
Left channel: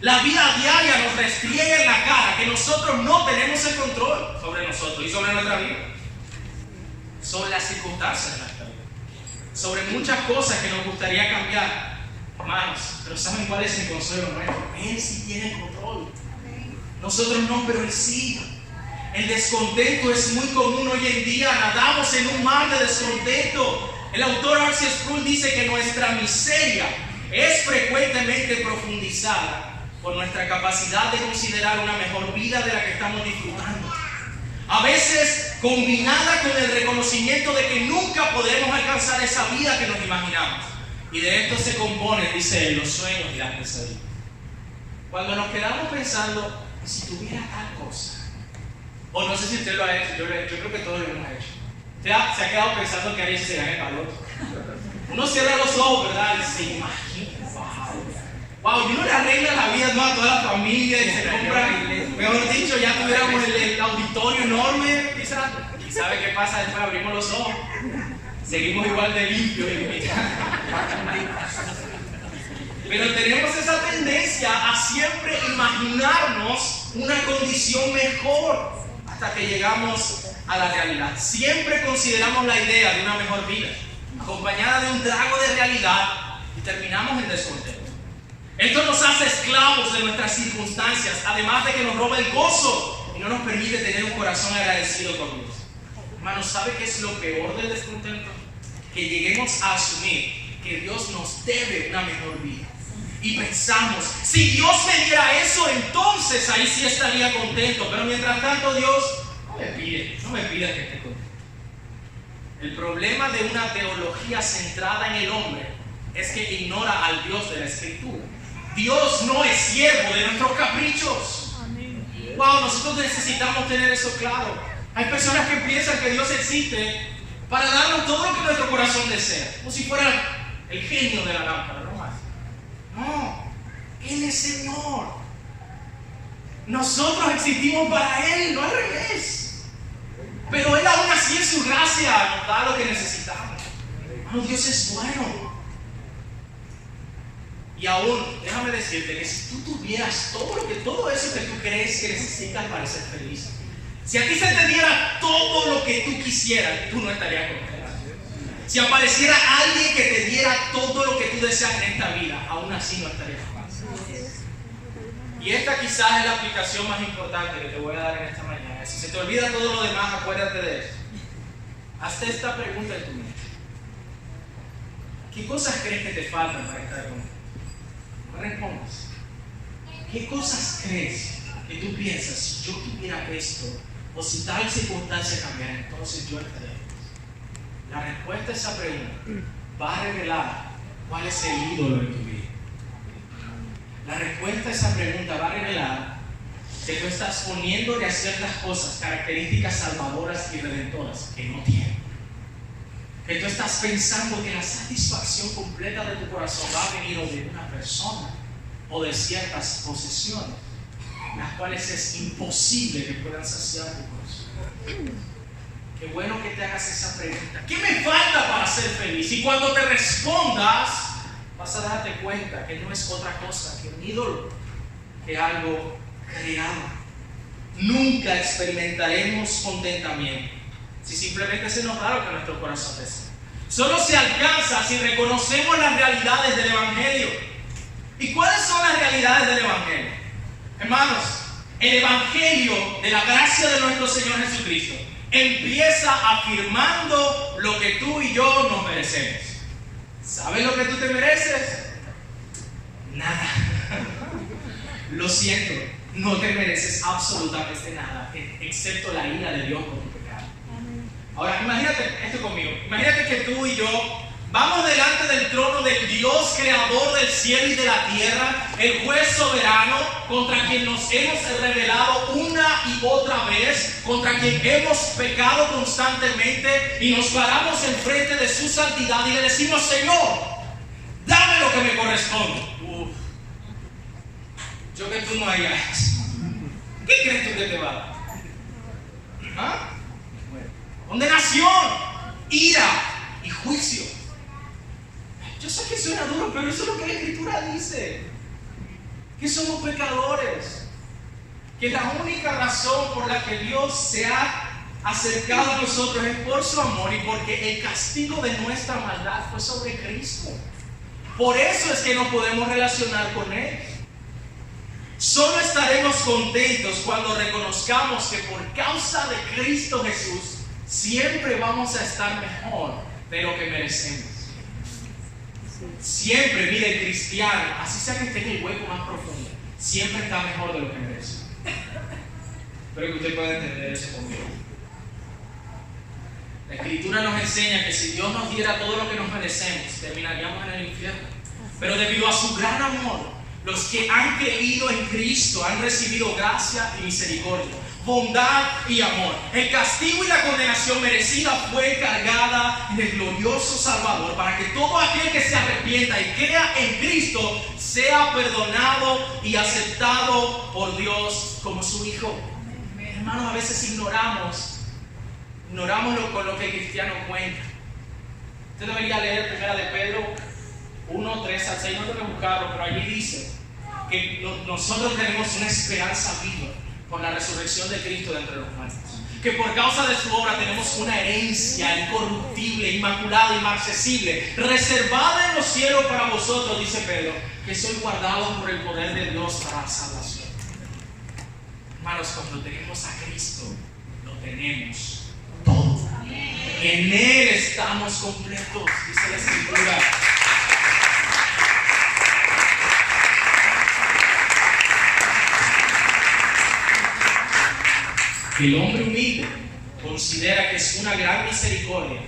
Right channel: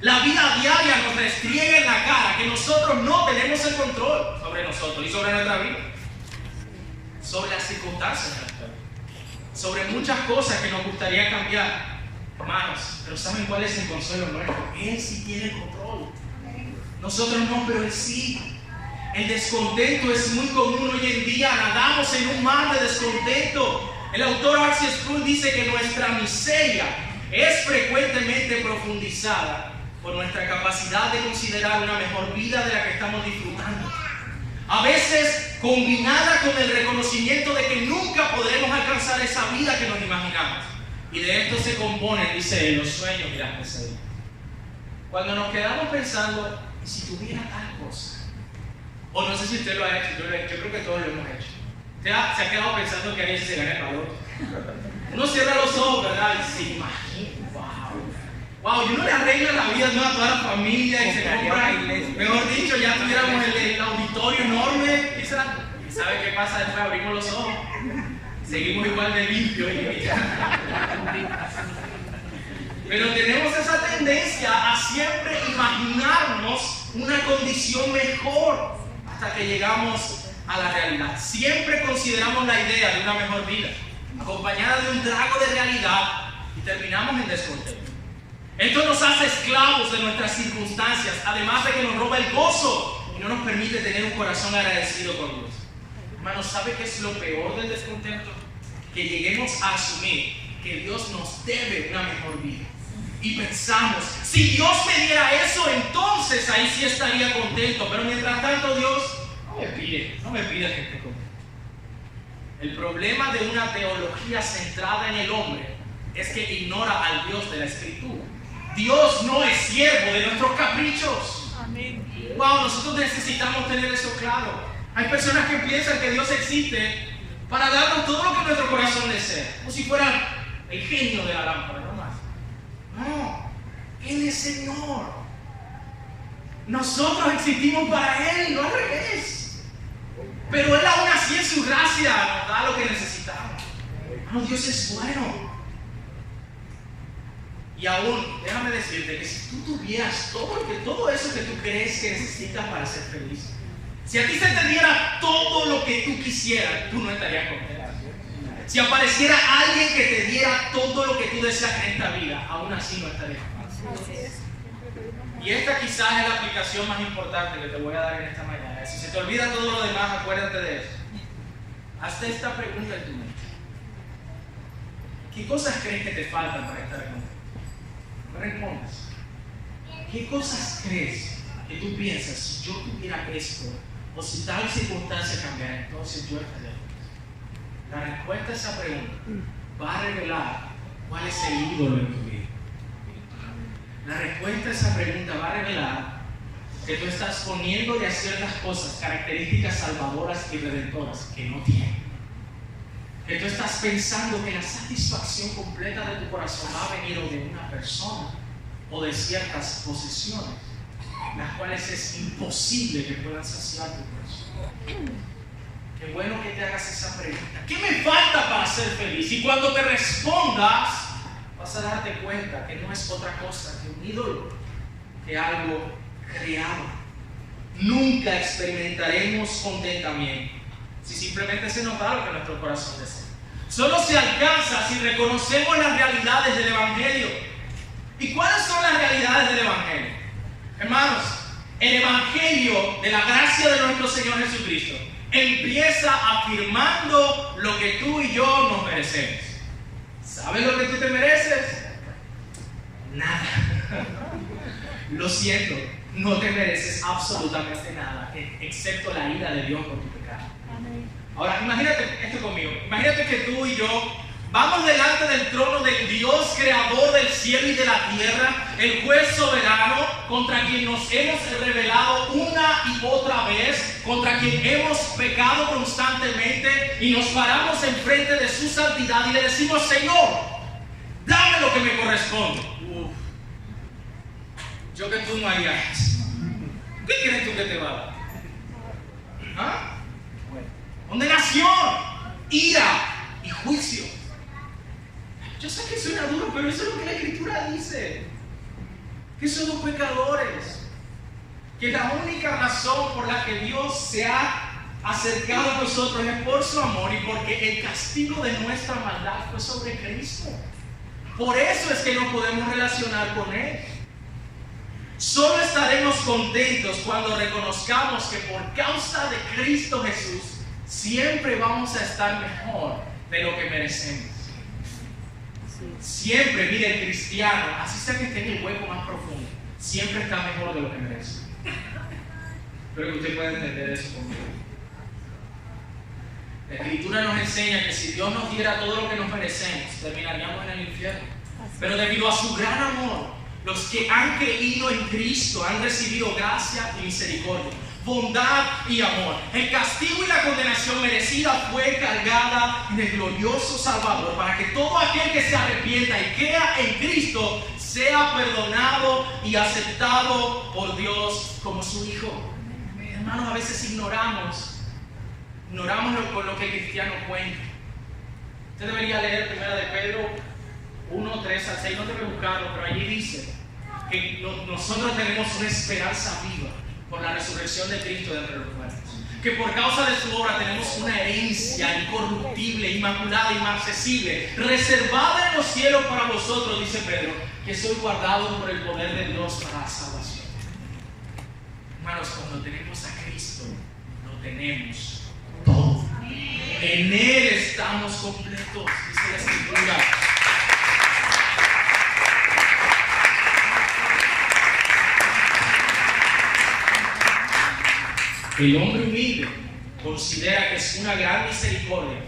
La vida diaria nos restriega en la cara que nosotros no tenemos el control sobre nosotros y sobre nuestra vida, sobre las circunstancias de nuestra vida, sobre muchas cosas que nos gustaría cambiar, hermanos. Pero ¿saben cuál es el consuelo nuestro? Él sí tiene el control. Nosotros no, pero Él sí. El descontento es muy común hoy en día. Nadamos en un mar de descontento. El autor R.C. Sproul dice que nuestra miseria es frecuentemente profundizada por nuestra capacidad de considerar una mejor vida de la que estamos disfrutando. A veces combinada con el reconocimiento de que nunca podremos alcanzar esa vida que nos imaginamos. Y de esto se componen, dice él, los sueños y las pesadillas. Cuando nos quedamos pensando, si tuviera tal cosa, o no sé si usted lo ha hecho, yo creo que todos lo hemos hecho. Se ha quedado pensando que haría si se gana el valor. Uno cierra los ojos, ¿verdad? Y se imagina, wow, y uno le arregla la vida, ¿no?, a toda la familia y se compra, mejor dicho, ya tuviéramos el auditorio enorme, quizás. ¿Y sabe qué pasa después? Abrimos los ojos, seguimos igual de limpios. Pero tenemos esa tendencia a siempre imaginarnos una condición mejor hasta que llegamos a la realidad. Siempre consideramos la idea de una mejor vida acompañada de un trago de realidad y terminamos en descontento. Esto nos hace esclavos de nuestras circunstancias, además de que nos roba el gozo y no nos permite tener un corazón agradecido con Dios. Hermanos, ¿sabe qué es lo peor del descontento? Que lleguemos a asumir que Dios nos debe una mejor vida. Y pensamos, si Dios me diera eso, entonces ahí sí estaría contento. Pero mientras tanto Dios no me pide que esté contento. El problema de una teología centrada en el hombre es que ignora al Dios de la Escritura. Dios no es siervo de nuestros caprichos. Wow, nosotros necesitamos tener eso claro. Hay personas que piensan que Dios existe para darnos todo lo que nuestro corazón desea, como si fuera el genio de la lámpara, no más. No, Él es Señor. Nosotros existimos para Él, no al revés. Pero Él aún así en su gracia nos da lo que necesitamos. Hermano, Dios es bueno. Y aún, déjame decirte que si tú tuvieras todo eso que tú crees que necesitas para ser feliz, si a ti se te diera todo lo que tú quisieras, tú no estarías contento. Si apareciera alguien que te diera todo lo que tú deseas en esta vida, aún así no estarías contento. Y esta quizás es la aplicación más importante que te voy a dar en esta mañana. Si se te olvida todo lo demás, acuérdate de eso. Hazte esta pregunta en tu mente. ¿Qué cosas crees que te faltan para estar contento? No respondas. ¿Qué cosas crees que tú piensas, si yo tuviera esto, o si tal circunstancia cambiara, entonces yo estaría feliz? La respuesta a esa pregunta va a revelar cuál es el ídolo en tu vida. La respuesta a esa pregunta va a revelar que tú estás poniéndole a ciertas cosas características salvadoras y redentoras que no tienen. que tú estás pensando que la satisfacción completa de tu corazón va a venir o de una persona o de ciertas posesiones, las cuales es imposible que puedan saciar tu corazón. Qué bueno que te hagas esa pregunta. ¿Qué me falta para ser feliz? Y cuando te respondas, vas a darte cuenta que no es otra cosa que un ídolo, que algo creado. Nunca experimentaremos contentamiento si simplemente se nos da lo que nuestro corazón desea. Solo se alcanza si reconocemos las realidades del Evangelio. ¿Y cuáles son las realidades del Evangelio? Hermanos, el Evangelio de la gracia de nuestro Señor Jesucristo empieza afirmando lo que tú y yo nos merecemos. ¿Sabes lo que tú te mereces? Nada. Lo siento, no te mereces absolutamente nada, excepto la ira de Dios por tu pecado. Ahora, imagínate esto conmigo. Imagínate que tú y yo vamos delante del trono del Dios creador del cielo y de la tierra, el juez soberano, contra quien nos hemos rebelado una y otra vez, contra quien hemos pecado constantemente, y nos paramos enfrente de su santidad y le decimos: Señor, dame lo que me corresponde. Yo que tú no harías eso. ¿Qué crees tú que te va a dar? ¿Ah? Condenación, ira y juicio. Yo sé que suena duro, pero eso es lo que la Escritura dice. Que somos pecadores. Que la única razón por la que Dios se ha acercado a nosotros es por su amor y porque el castigo de nuestra maldad fue sobre Cristo. Por eso es que nos podemos relacionar con Él. Solo estaremos contentos cuando reconozcamos que por causa de Cristo Jesús siempre vamos a estar mejor de lo que merecemos. Siempre, mire, el cristiano, así sea que esté en el hueco más profundo, siempre está mejor de lo que merece. Espero que usted pueda entender eso conmigo. La Escritura nos enseña que si Dios nos diera todo lo que nos merecemos, terminaríamos en el infierno. Pero debido a su gran amor, los que han creído en Cristo han recibido gracia y misericordia, bondad y amor. El castigo y la condenación merecida fue cargada en el glorioso Salvador, para que todo aquel que se arrepienta y crea en Cristo sea perdonado y aceptado por Dios como su Hijo. Hermanos, a veces ignoramos con lo que el cristiano cuenta. Usted debería leer 1 de Pedro 1, 3 al 6, no debe buscarlo, pero allí dice que nosotros tenemos una esperanza viva por la resurrección de Cristo de entre los muertos, que por causa de su obra tenemos una herencia incorruptible, inmaculada, inmarcesible, reservada en los cielos para vosotros, dice Pedro, que sois guardados por el poder de Dios para la salvación. Hermanos, cuando tenemos a Cristo, lo tenemos todo. En Él estamos completos, dice la Escritura. El hombre humilde considera que es una gran misericordia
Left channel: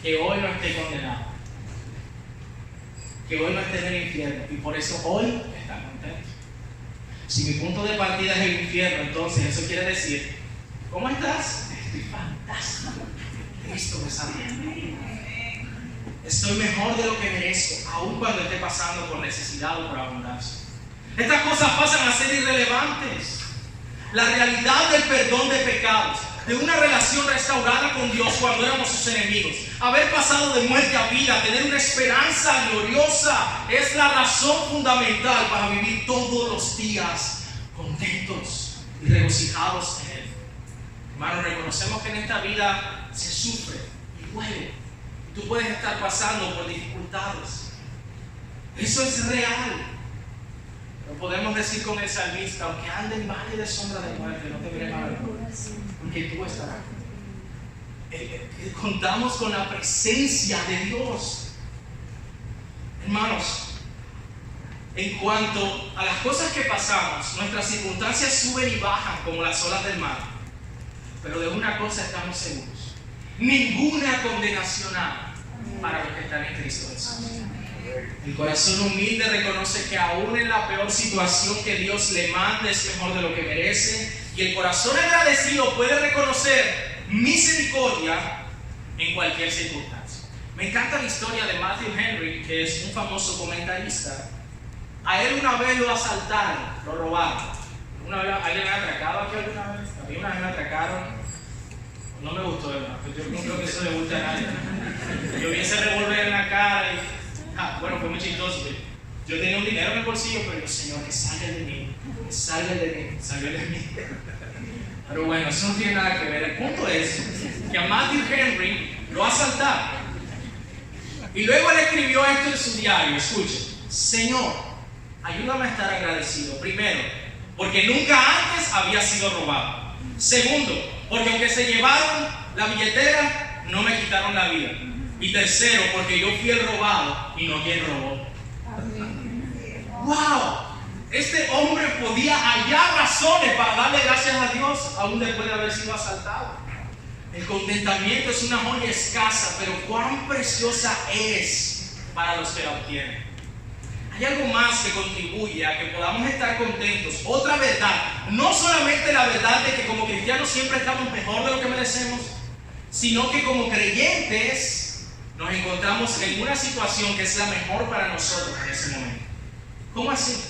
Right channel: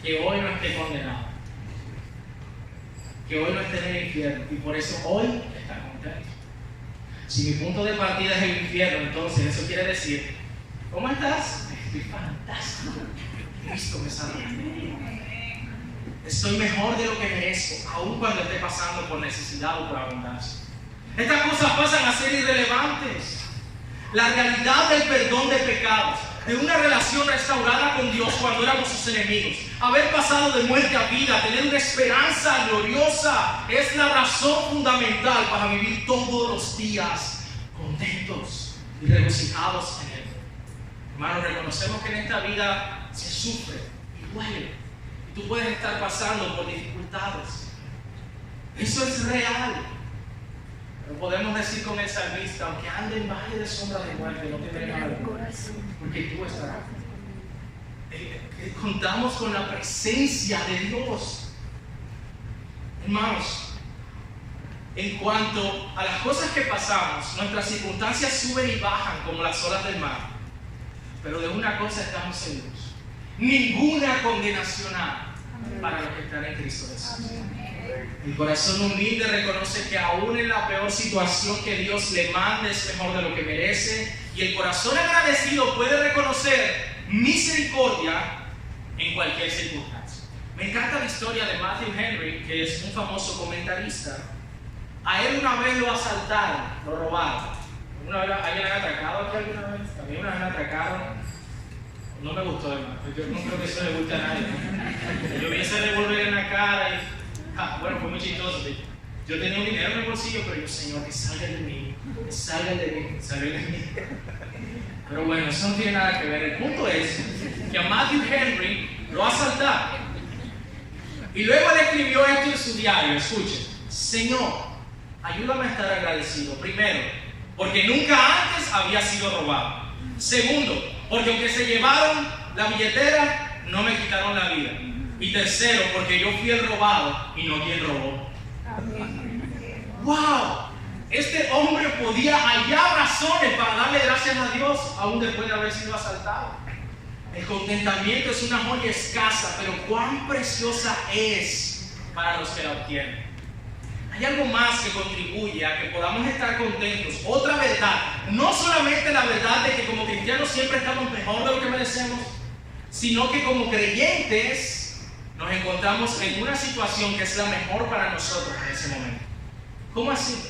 que hoy no esté condenado, que hoy no esté en el infierno, y por eso hoy está contento. Si mi punto de partida es el infierno, entonces eso quiere decir: ¿cómo estás? Estoy fantástico. Cristo me salvó. Estoy mejor de lo que merezco, aun cuando esté pasando por necesidad o por abundancia. Estas cosas pasan a ser irrelevantes. La realidad del perdón de pecados, de una relación restaurada con Dios cuando éramos sus enemigos, haber pasado de muerte a vida, tener una esperanza gloriosa, es la razón fundamental para vivir todos los días contentos y regocijados en Él. Hermanos, reconocemos que en esta vida se sufre y duele, y tú puedes estar pasando por dificultades. Eso es real. Podemos decir con el salmista: aunque ande en valle de sombra de muerte, no temeré mal, porque tú estarás. Contamos con la presencia de Dios. Hermanos, en cuanto a las cosas que pasamos, nuestras circunstancias suben y bajan como las olas del mar. Pero de una cosa estamos seguros: ninguna condenación hay para los que están en Cristo Jesús. El corazón humilde reconoce que aún en la peor situación que Dios le mande es mejor de lo que merece, y el corazón agradecido puede reconocer misericordia en cualquier circunstancia. Me encanta la historia de Matthew Henry, que es un famoso comentarista. A él una vez lo asaltaron, lo robaron. ¿Alguien le ha atracado aquí alguna vez? A mí una vez me atracaron. No me gustó, hermano. Yo no creo que eso le guste a nadie. Yo vi ese revólver en la cara y... bueno, fue muy chistoso. Yo tenía un dinero en el bolsillo, pero yo, Señor, que salgan de mí. Que salgan de mí. Que salgan de mí. Pero bueno, eso no tiene nada que ver. El punto es que a Matthew Henry lo asaltaron. Y luego él escribió esto en su diario. Escuche. Señor, ayúdame a estar agradecido. Primero, porque nunca antes había sido robado. Segundo, porque aunque se llevaron la billetera, no me quitaron la vida. Y tercero, porque yo fui el robado y no quien robó. ¡Wow! Este hombre podía hallar razones para darle gracias a Dios aún después de haber sido asaltado. El contentamiento es una joya escasa, pero cuán preciosa es para los que la obtienen. Hay algo más que contribuye a que podamos estar contentos. Otra verdad, no solamente la verdad de que como cristianos siempre estamos mejor de lo que merecemos, sino que como creyentes nos encontramos en una situación que es la mejor para nosotros en ese momento. ¿Cómo así?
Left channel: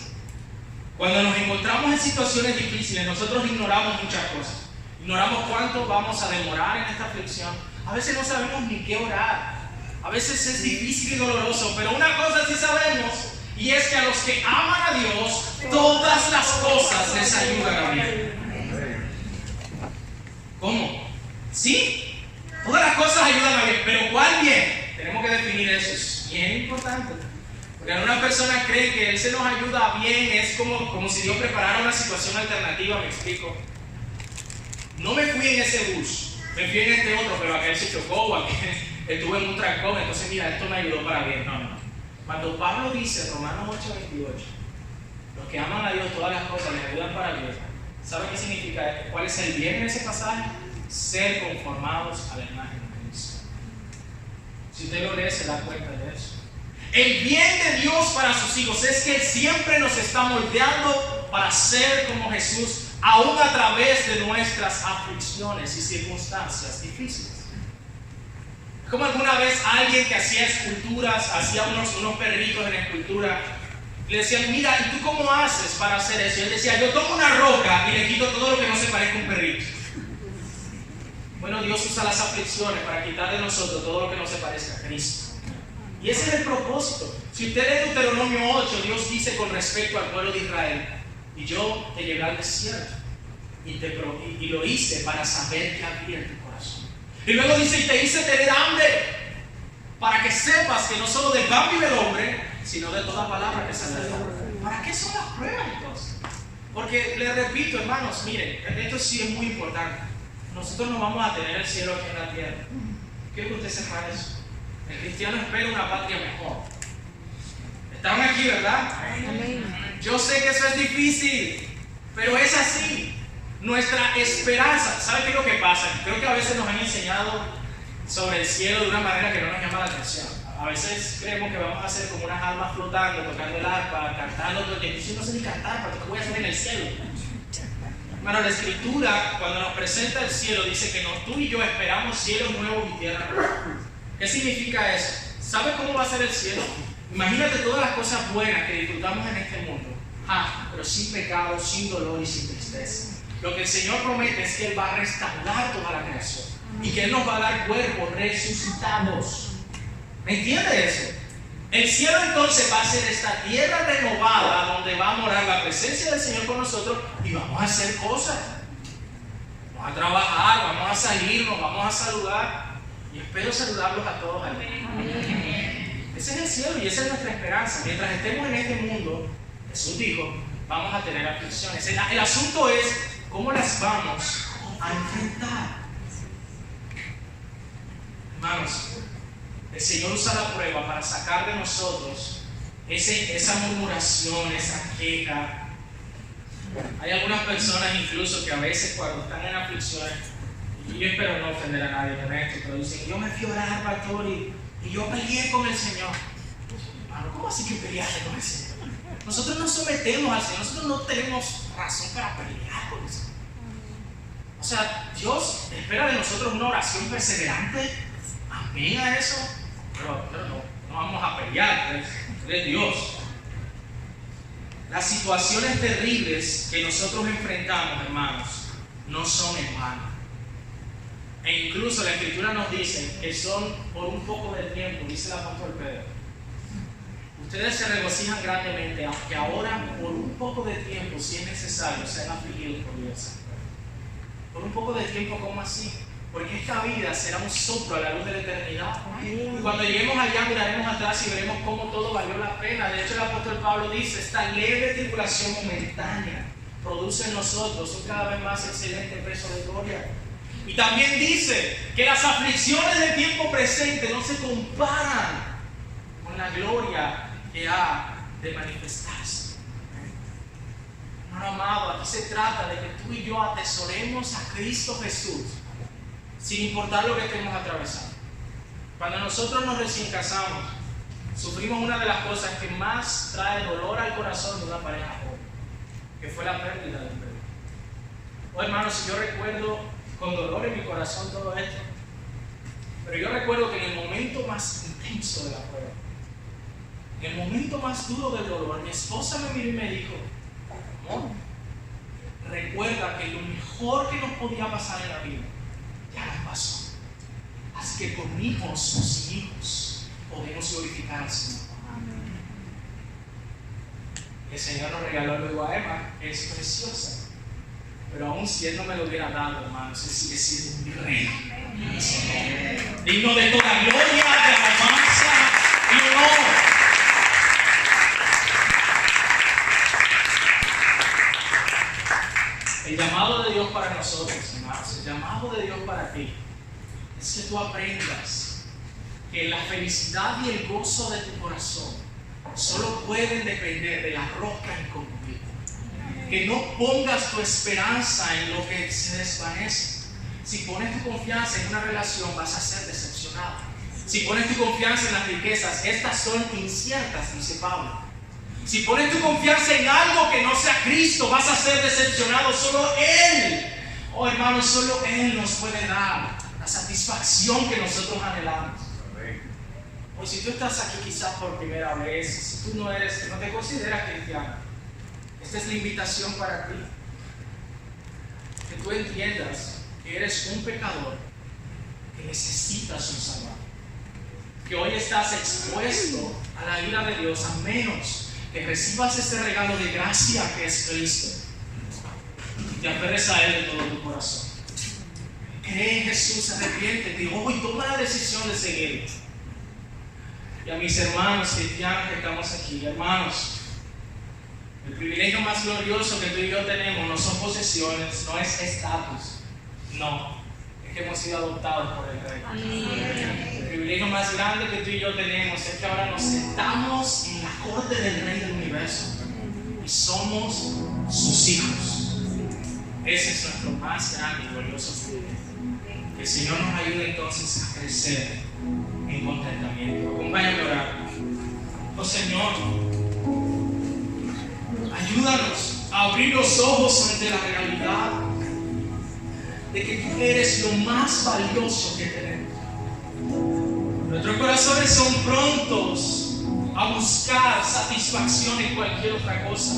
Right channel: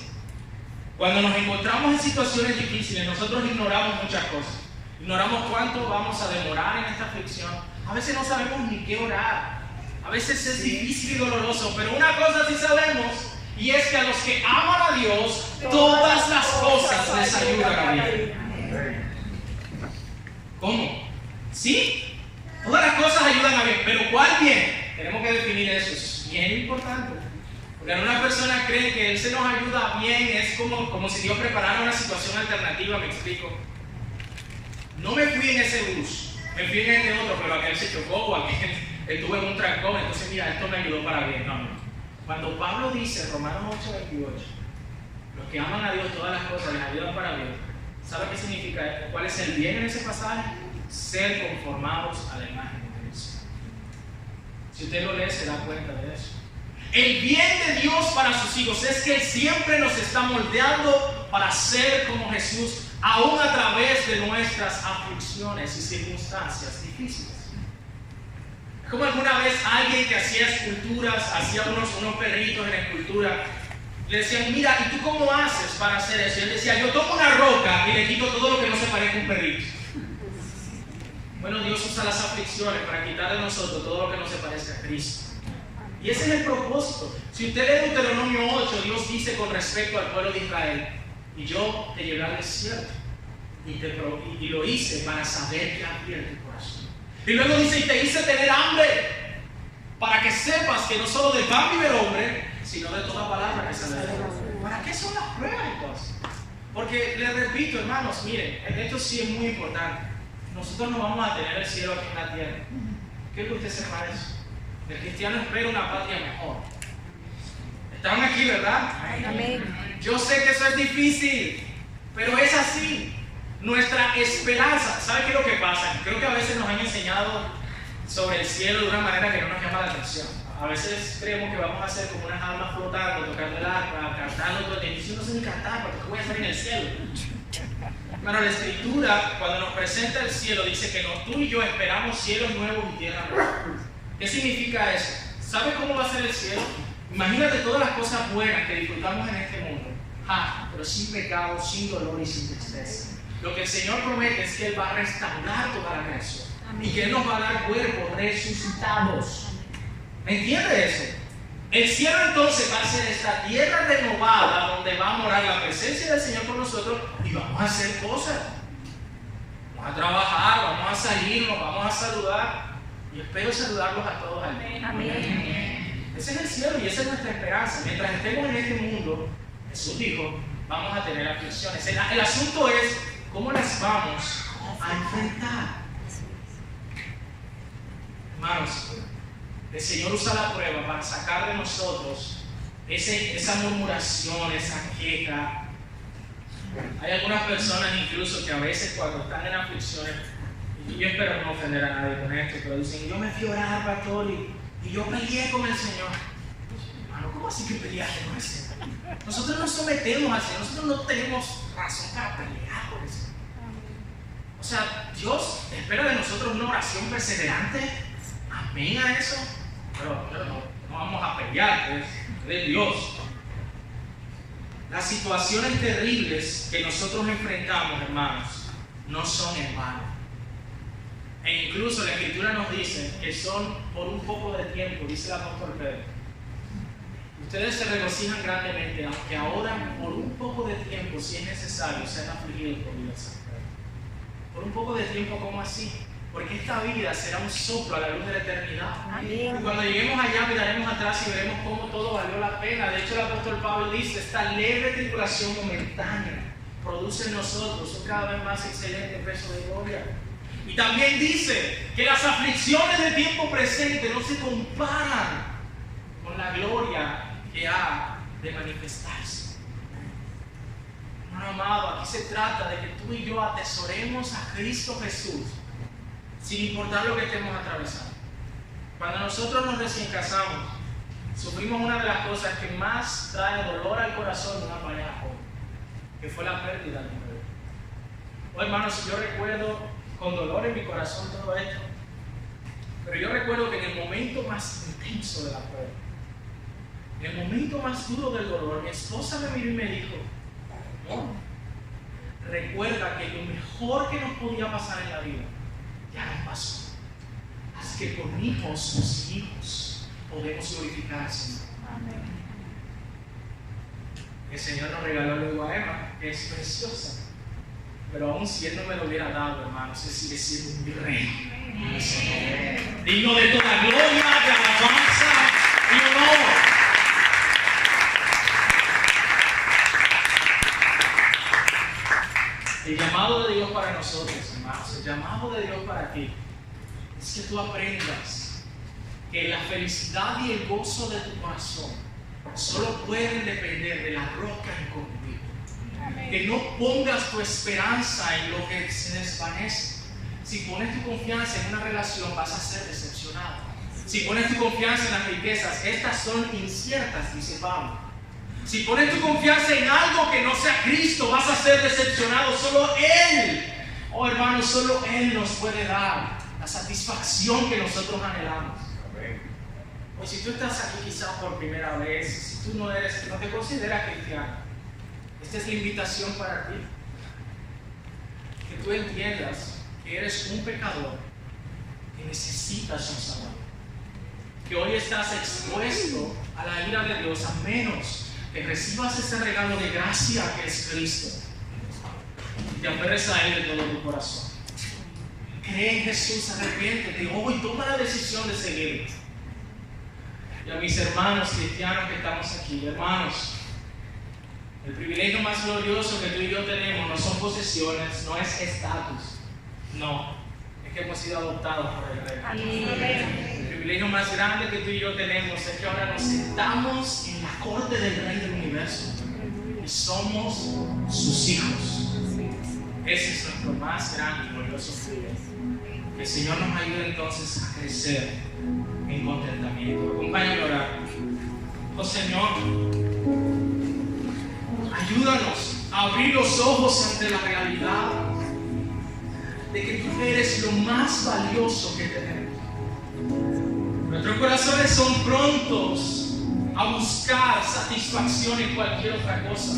Cuando nos encontramos en situaciones difíciles, nosotros ignoramos muchas cosas. Ignoramos cuánto vamos a demorar en esta aflicción. A veces no sabemos ni qué orar. A veces es difícil y doloroso, pero una cosa sí sabemos, y es que a los que aman a Dios, todas las cosas les ayudan a bien. ¿Cómo? ¿Sí? Todas las cosas ayudan a bien, pero ¿cuál bien? Tenemos que definir eso, es bien importante. Porque algunas personas creen que Él se nos ayuda bien, es como si Dios preparara una situación alternativa, me explico. No me fui en ese bus, me fui en este otro, pero aquel se chocó o aquel estuvo en un trancón, entonces mira, esto me ayudó para bien. No. Cuando Pablo dice en Romanos 8:28, los que aman a Dios todas las cosas les ayudan para bien, ¿sabe qué significa? ¿Cuál es el bien en ese pasaje? Ser conformados a la imagen de Cristo. Si usted lo lee, se da cuenta de eso. El bien de Dios para sus hijos es que Él siempre nos está moldeando para ser como Jesús, aún a través de nuestras aflicciones y circunstancias difíciles. Es como alguna vez alguien que hacía esculturas, hacía unos perritos en escultura, le decían, mira, ¿y tú cómo haces para hacer eso? Y él decía, yo tomo una roca y le quito todo lo que no se parezca a un perrito. Bueno, Dios usa las aflicciones para quitar de nosotros todo lo que no se parezca a Cristo. Y ese es el propósito. Si usted lee Deuteronomio 8, Dios dice con respecto al pueblo de Israel, y yo te llevé al desierto y lo hice para saber qué había en tu corazón. Y luego dice, y te hice tener hambre para que sepas que no solo de pan vive el hombre, sino de toda palabra que sale de la boca. ¿Para qué son las pruebas entonces? Porque les repito, hermanos, miren, esto sí es muy importante. Nosotros no vamos a tener el cielo aquí en la tierra. Quiero que usted sepa eso. El cristiano espera una patria mejor. ¿Están aquí, verdad? Amén. Yo sé que eso es difícil, pero es así. Nuestra esperanza, ¿sabe qué es lo que pasa? Creo que a veces nos han enseñado sobre el cielo de una manera que no nos llama la atención. A veces creemos que vamos a ser como unas almas flotando, tocando el arpa, cantando todo el tiempo. Yo no sé ni cantar, ¿para qué voy a hacer en el cielo? Hermano, la Escritura, cuando nos presenta el cielo, dice que tú y yo esperamos cielos nuevos y tierra nueva. ¿Qué significa eso? ¿Sabes cómo va a ser el cielo? Imagínate todas las cosas buenas que disfrutamos en este mundo, pero sin pecado, sin dolor y sin tristeza. Lo que el Señor promete es que Él va a restaurar toda la creación y que Él nos va a dar cuerpos resucitados. ¿Me entiende eso? El cielo entonces va a ser esta tierra renovada donde va a morar la presencia del Señor con nosotros y vamos a hacer cosas. Vamos a trabajar, vamos a salirnos, vamos a saludar. Y espero saludarlos a todos allí. Amén. Ese es el cielo y esa es nuestra esperanza. Mientras estemos en este mundo, Jesús dijo, vamos a tener aflicciones. El asunto es cómo las vamos a enfrentar. Hermanos, el Señor usa la prueba para sacar de nosotros esa murmuración, esa queja. Hay algunas personas incluso que a veces cuando están en aflicciones, y yo espero no ofender a nadie con esto, pero dicen, yo me fui a orar, pastor, y yo peleé con el Señor. Hermano, ¿cómo así que peleaste con el Señor? Nosotros nos sometemos al Señor, nosotros no tenemos razón para pelear con el Señor. O sea, Dios espera de nosotros una oración perseverante. Amén a eso. pero no vamos a pelear, pues, es Dios. Las situaciones terribles que nosotros enfrentamos, hermanos, no son en vano. E incluso la Escritura nos dice que son por un poco de tiempo, dice el apóstol Pedro. Ustedes se regocijan grandemente, aunque ahora por un poco de tiempo, si es necesario, sean afligidos por Dios. Por un poco de tiempo, ¿cómo así? Porque esta vida será un soplo a la luz de la eternidad. Y cuando lleguemos allá miraremos atrás y veremos cómo todo valió la pena. De hecho, el apóstol Pablo dice, esta leve tribulación momentánea produce en nosotros un cada vez más excelente peso de gloria. Y también dice que las aflicciones del tiempo presente no se comparan con la gloria que ha de manifestarse. Hermano amado, aquí se trata de que tú y yo atesoremos a Cristo Jesús sin importar lo que estemos atravesando. Cuando nosotros nos recién casamos, sufrimos una de las cosas que más trae dolor al corazón de una pareja joven, que fue la pérdida de un bebé. Oh, hermanos, yo recuerdo con dolor en mi corazón todo esto, pero yo recuerdo que en el momento más intenso de la prueba, en el momento más duro del dolor, mi esposa me miró y me dijo, amor, recuerda que lo mejor que nos podía pasar en la vida ya nos pasó. Así que con sus hijos, podemos glorificar al Señor. Amén. El Señor nos regaló luego a Emma, que es preciosa. Pero aún si Él no me lo hubiera dado, hermanos, Él sigue siendo mi rey. Digno de toda gloria, de alabanza y honor. El llamado de Dios para nosotros, hermanos, el llamado de Dios para ti, es que tú aprendas que la felicidad y el gozo de tu corazón solo pueden depender de la roca inconmovible. Que no pongas tu esperanza en lo que se desvanece. Si pones tu confianza en una relación, vas a ser decepcionado. Si pones tu confianza en las riquezas, estas son inciertas, dice Pablo. Si pones tu confianza en algo que no sea Cristo, vas a ser decepcionado. Solo Él, oh hermanos, solo Él nos puede dar la satisfacción que nosotros anhelamos. Hoy, si tú estás aquí quizás por primera vez, si tú no te consideras cristiano, esta es la invitación para ti. Que tú entiendas que eres un pecador, que necesitas un Salvador. Que hoy estás expuesto a la ira de Dios, a menos que recibas ese regalo de gracia que es Cristo y te aferres a Él de todo tu corazón. Cree en Jesús, arrepiéntete hoy, toma la decisión de seguirle. Y a mis hermanos cristianos que estamos aquí, hermanos, el privilegio más glorioso que tú y yo tenemos no son posesiones, no es estatus, no, es que hemos sido adoptados por el Rey. El privilegio más grande que tú y yo tenemos es que ahora nos sentamos en la corte del Rey del Universo y somos sus hijos. Ese es nuestro más grande y glorioso privilegio. Que el Señor nos ayude entonces a crecer en contentamiento. Acompáñame a orar. Oh Señor, ayúdanos a abrir los ojos ante la realidad de que tú eres lo más valioso que tenemos. Nuestros corazones son prontos a buscar satisfacción en cualquier otra cosa.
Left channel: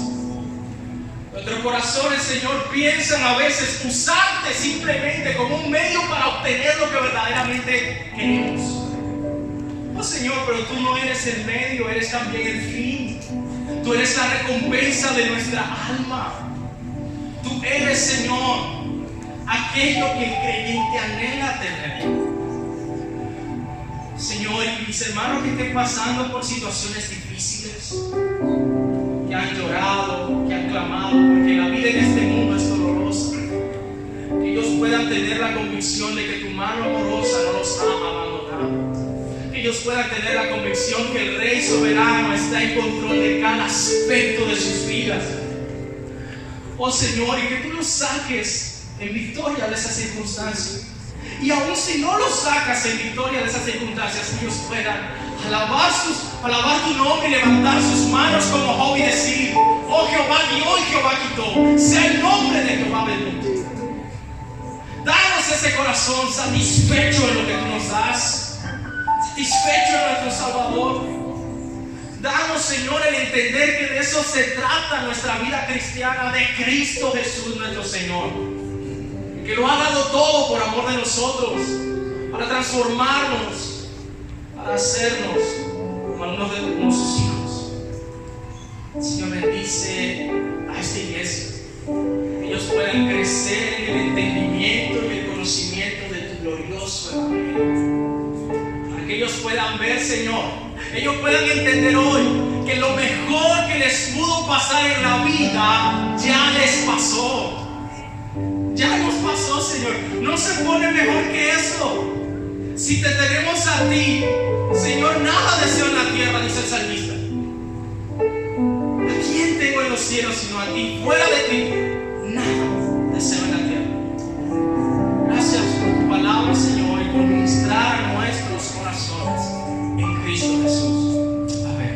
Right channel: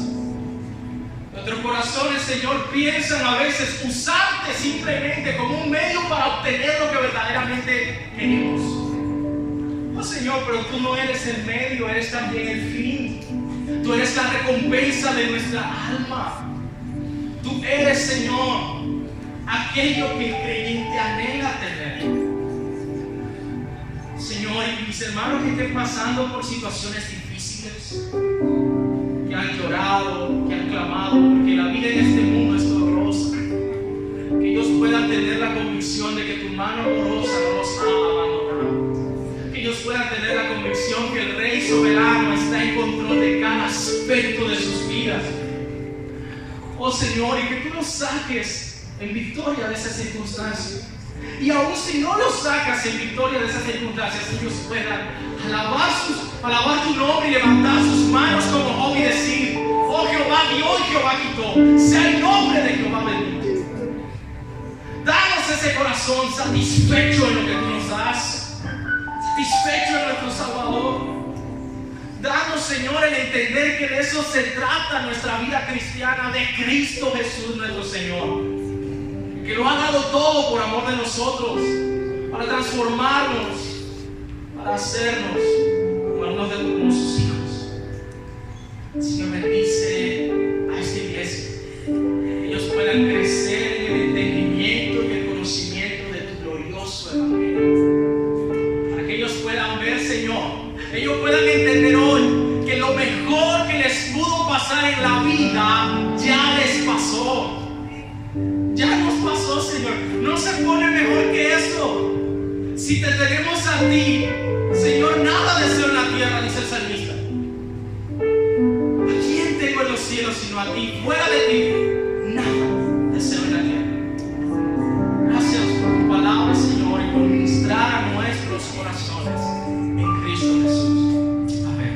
Nuestros corazones, Señor, piensan a veces usarte simplemente como un medio para obtener lo que verdaderamente queremos. Oh Señor, pero tú no eres el medio, eres también el fin. Tú eres la recompensa de nuestra alma. Tú eres, Señor, aquello que el creyente anhela tener. Señor, y mis hermanos que estén pasando por situaciones difíciles, que han llorado, que han clamado, porque la vida en este mundo es dolorosa, que ellos puedan tener la convicción de que tu mano amorosa no los ha abandonado, que ellos puedan tener la convicción que el Rey soberano está en control de cada aspecto de sus vidas. Oh Señor, y que tú los saques en victoria de esas circunstancias. Y aún si no los sacas en victoria de esas circunstancias, ellos puedan alabar tu nombre y levantar sus manos como Job y decir: oh Jehová dio y Jehová quitó, sea el nombre de Jehová bendito. Danos ese corazón satisfecho en lo que tú nos das, satisfecho en nuestro Salvador. Danos, Señor, el entender que de eso se trata nuestra vida cristiana, de Cristo Jesús nuestro Señor, que lo ha dado todo por amor de nosotros, para transformarnos, para hacernos como sus hijos. Señor, bendice a esta iglesia, que ellos puedan crecer en el entendimiento y el conocimiento de tu glorioso evangelio, para que ellos puedan ver, Señor, ellos puedan entender hoy que lo mejor que les pudo pasar en la vida ya les pasó. Ya nos pasó, Señor. No se pone mejor que eso. Si te tenemos a ti, Señor, nada deseo en la tierra, dice el salmista. ¿A quién tengo en los cielos sino a ti? Fuera de ti, nada deseo en la tierra. Gracias por tu palabra, Señor, y por ministrar a nuestros corazones en Cristo Jesús. Amén.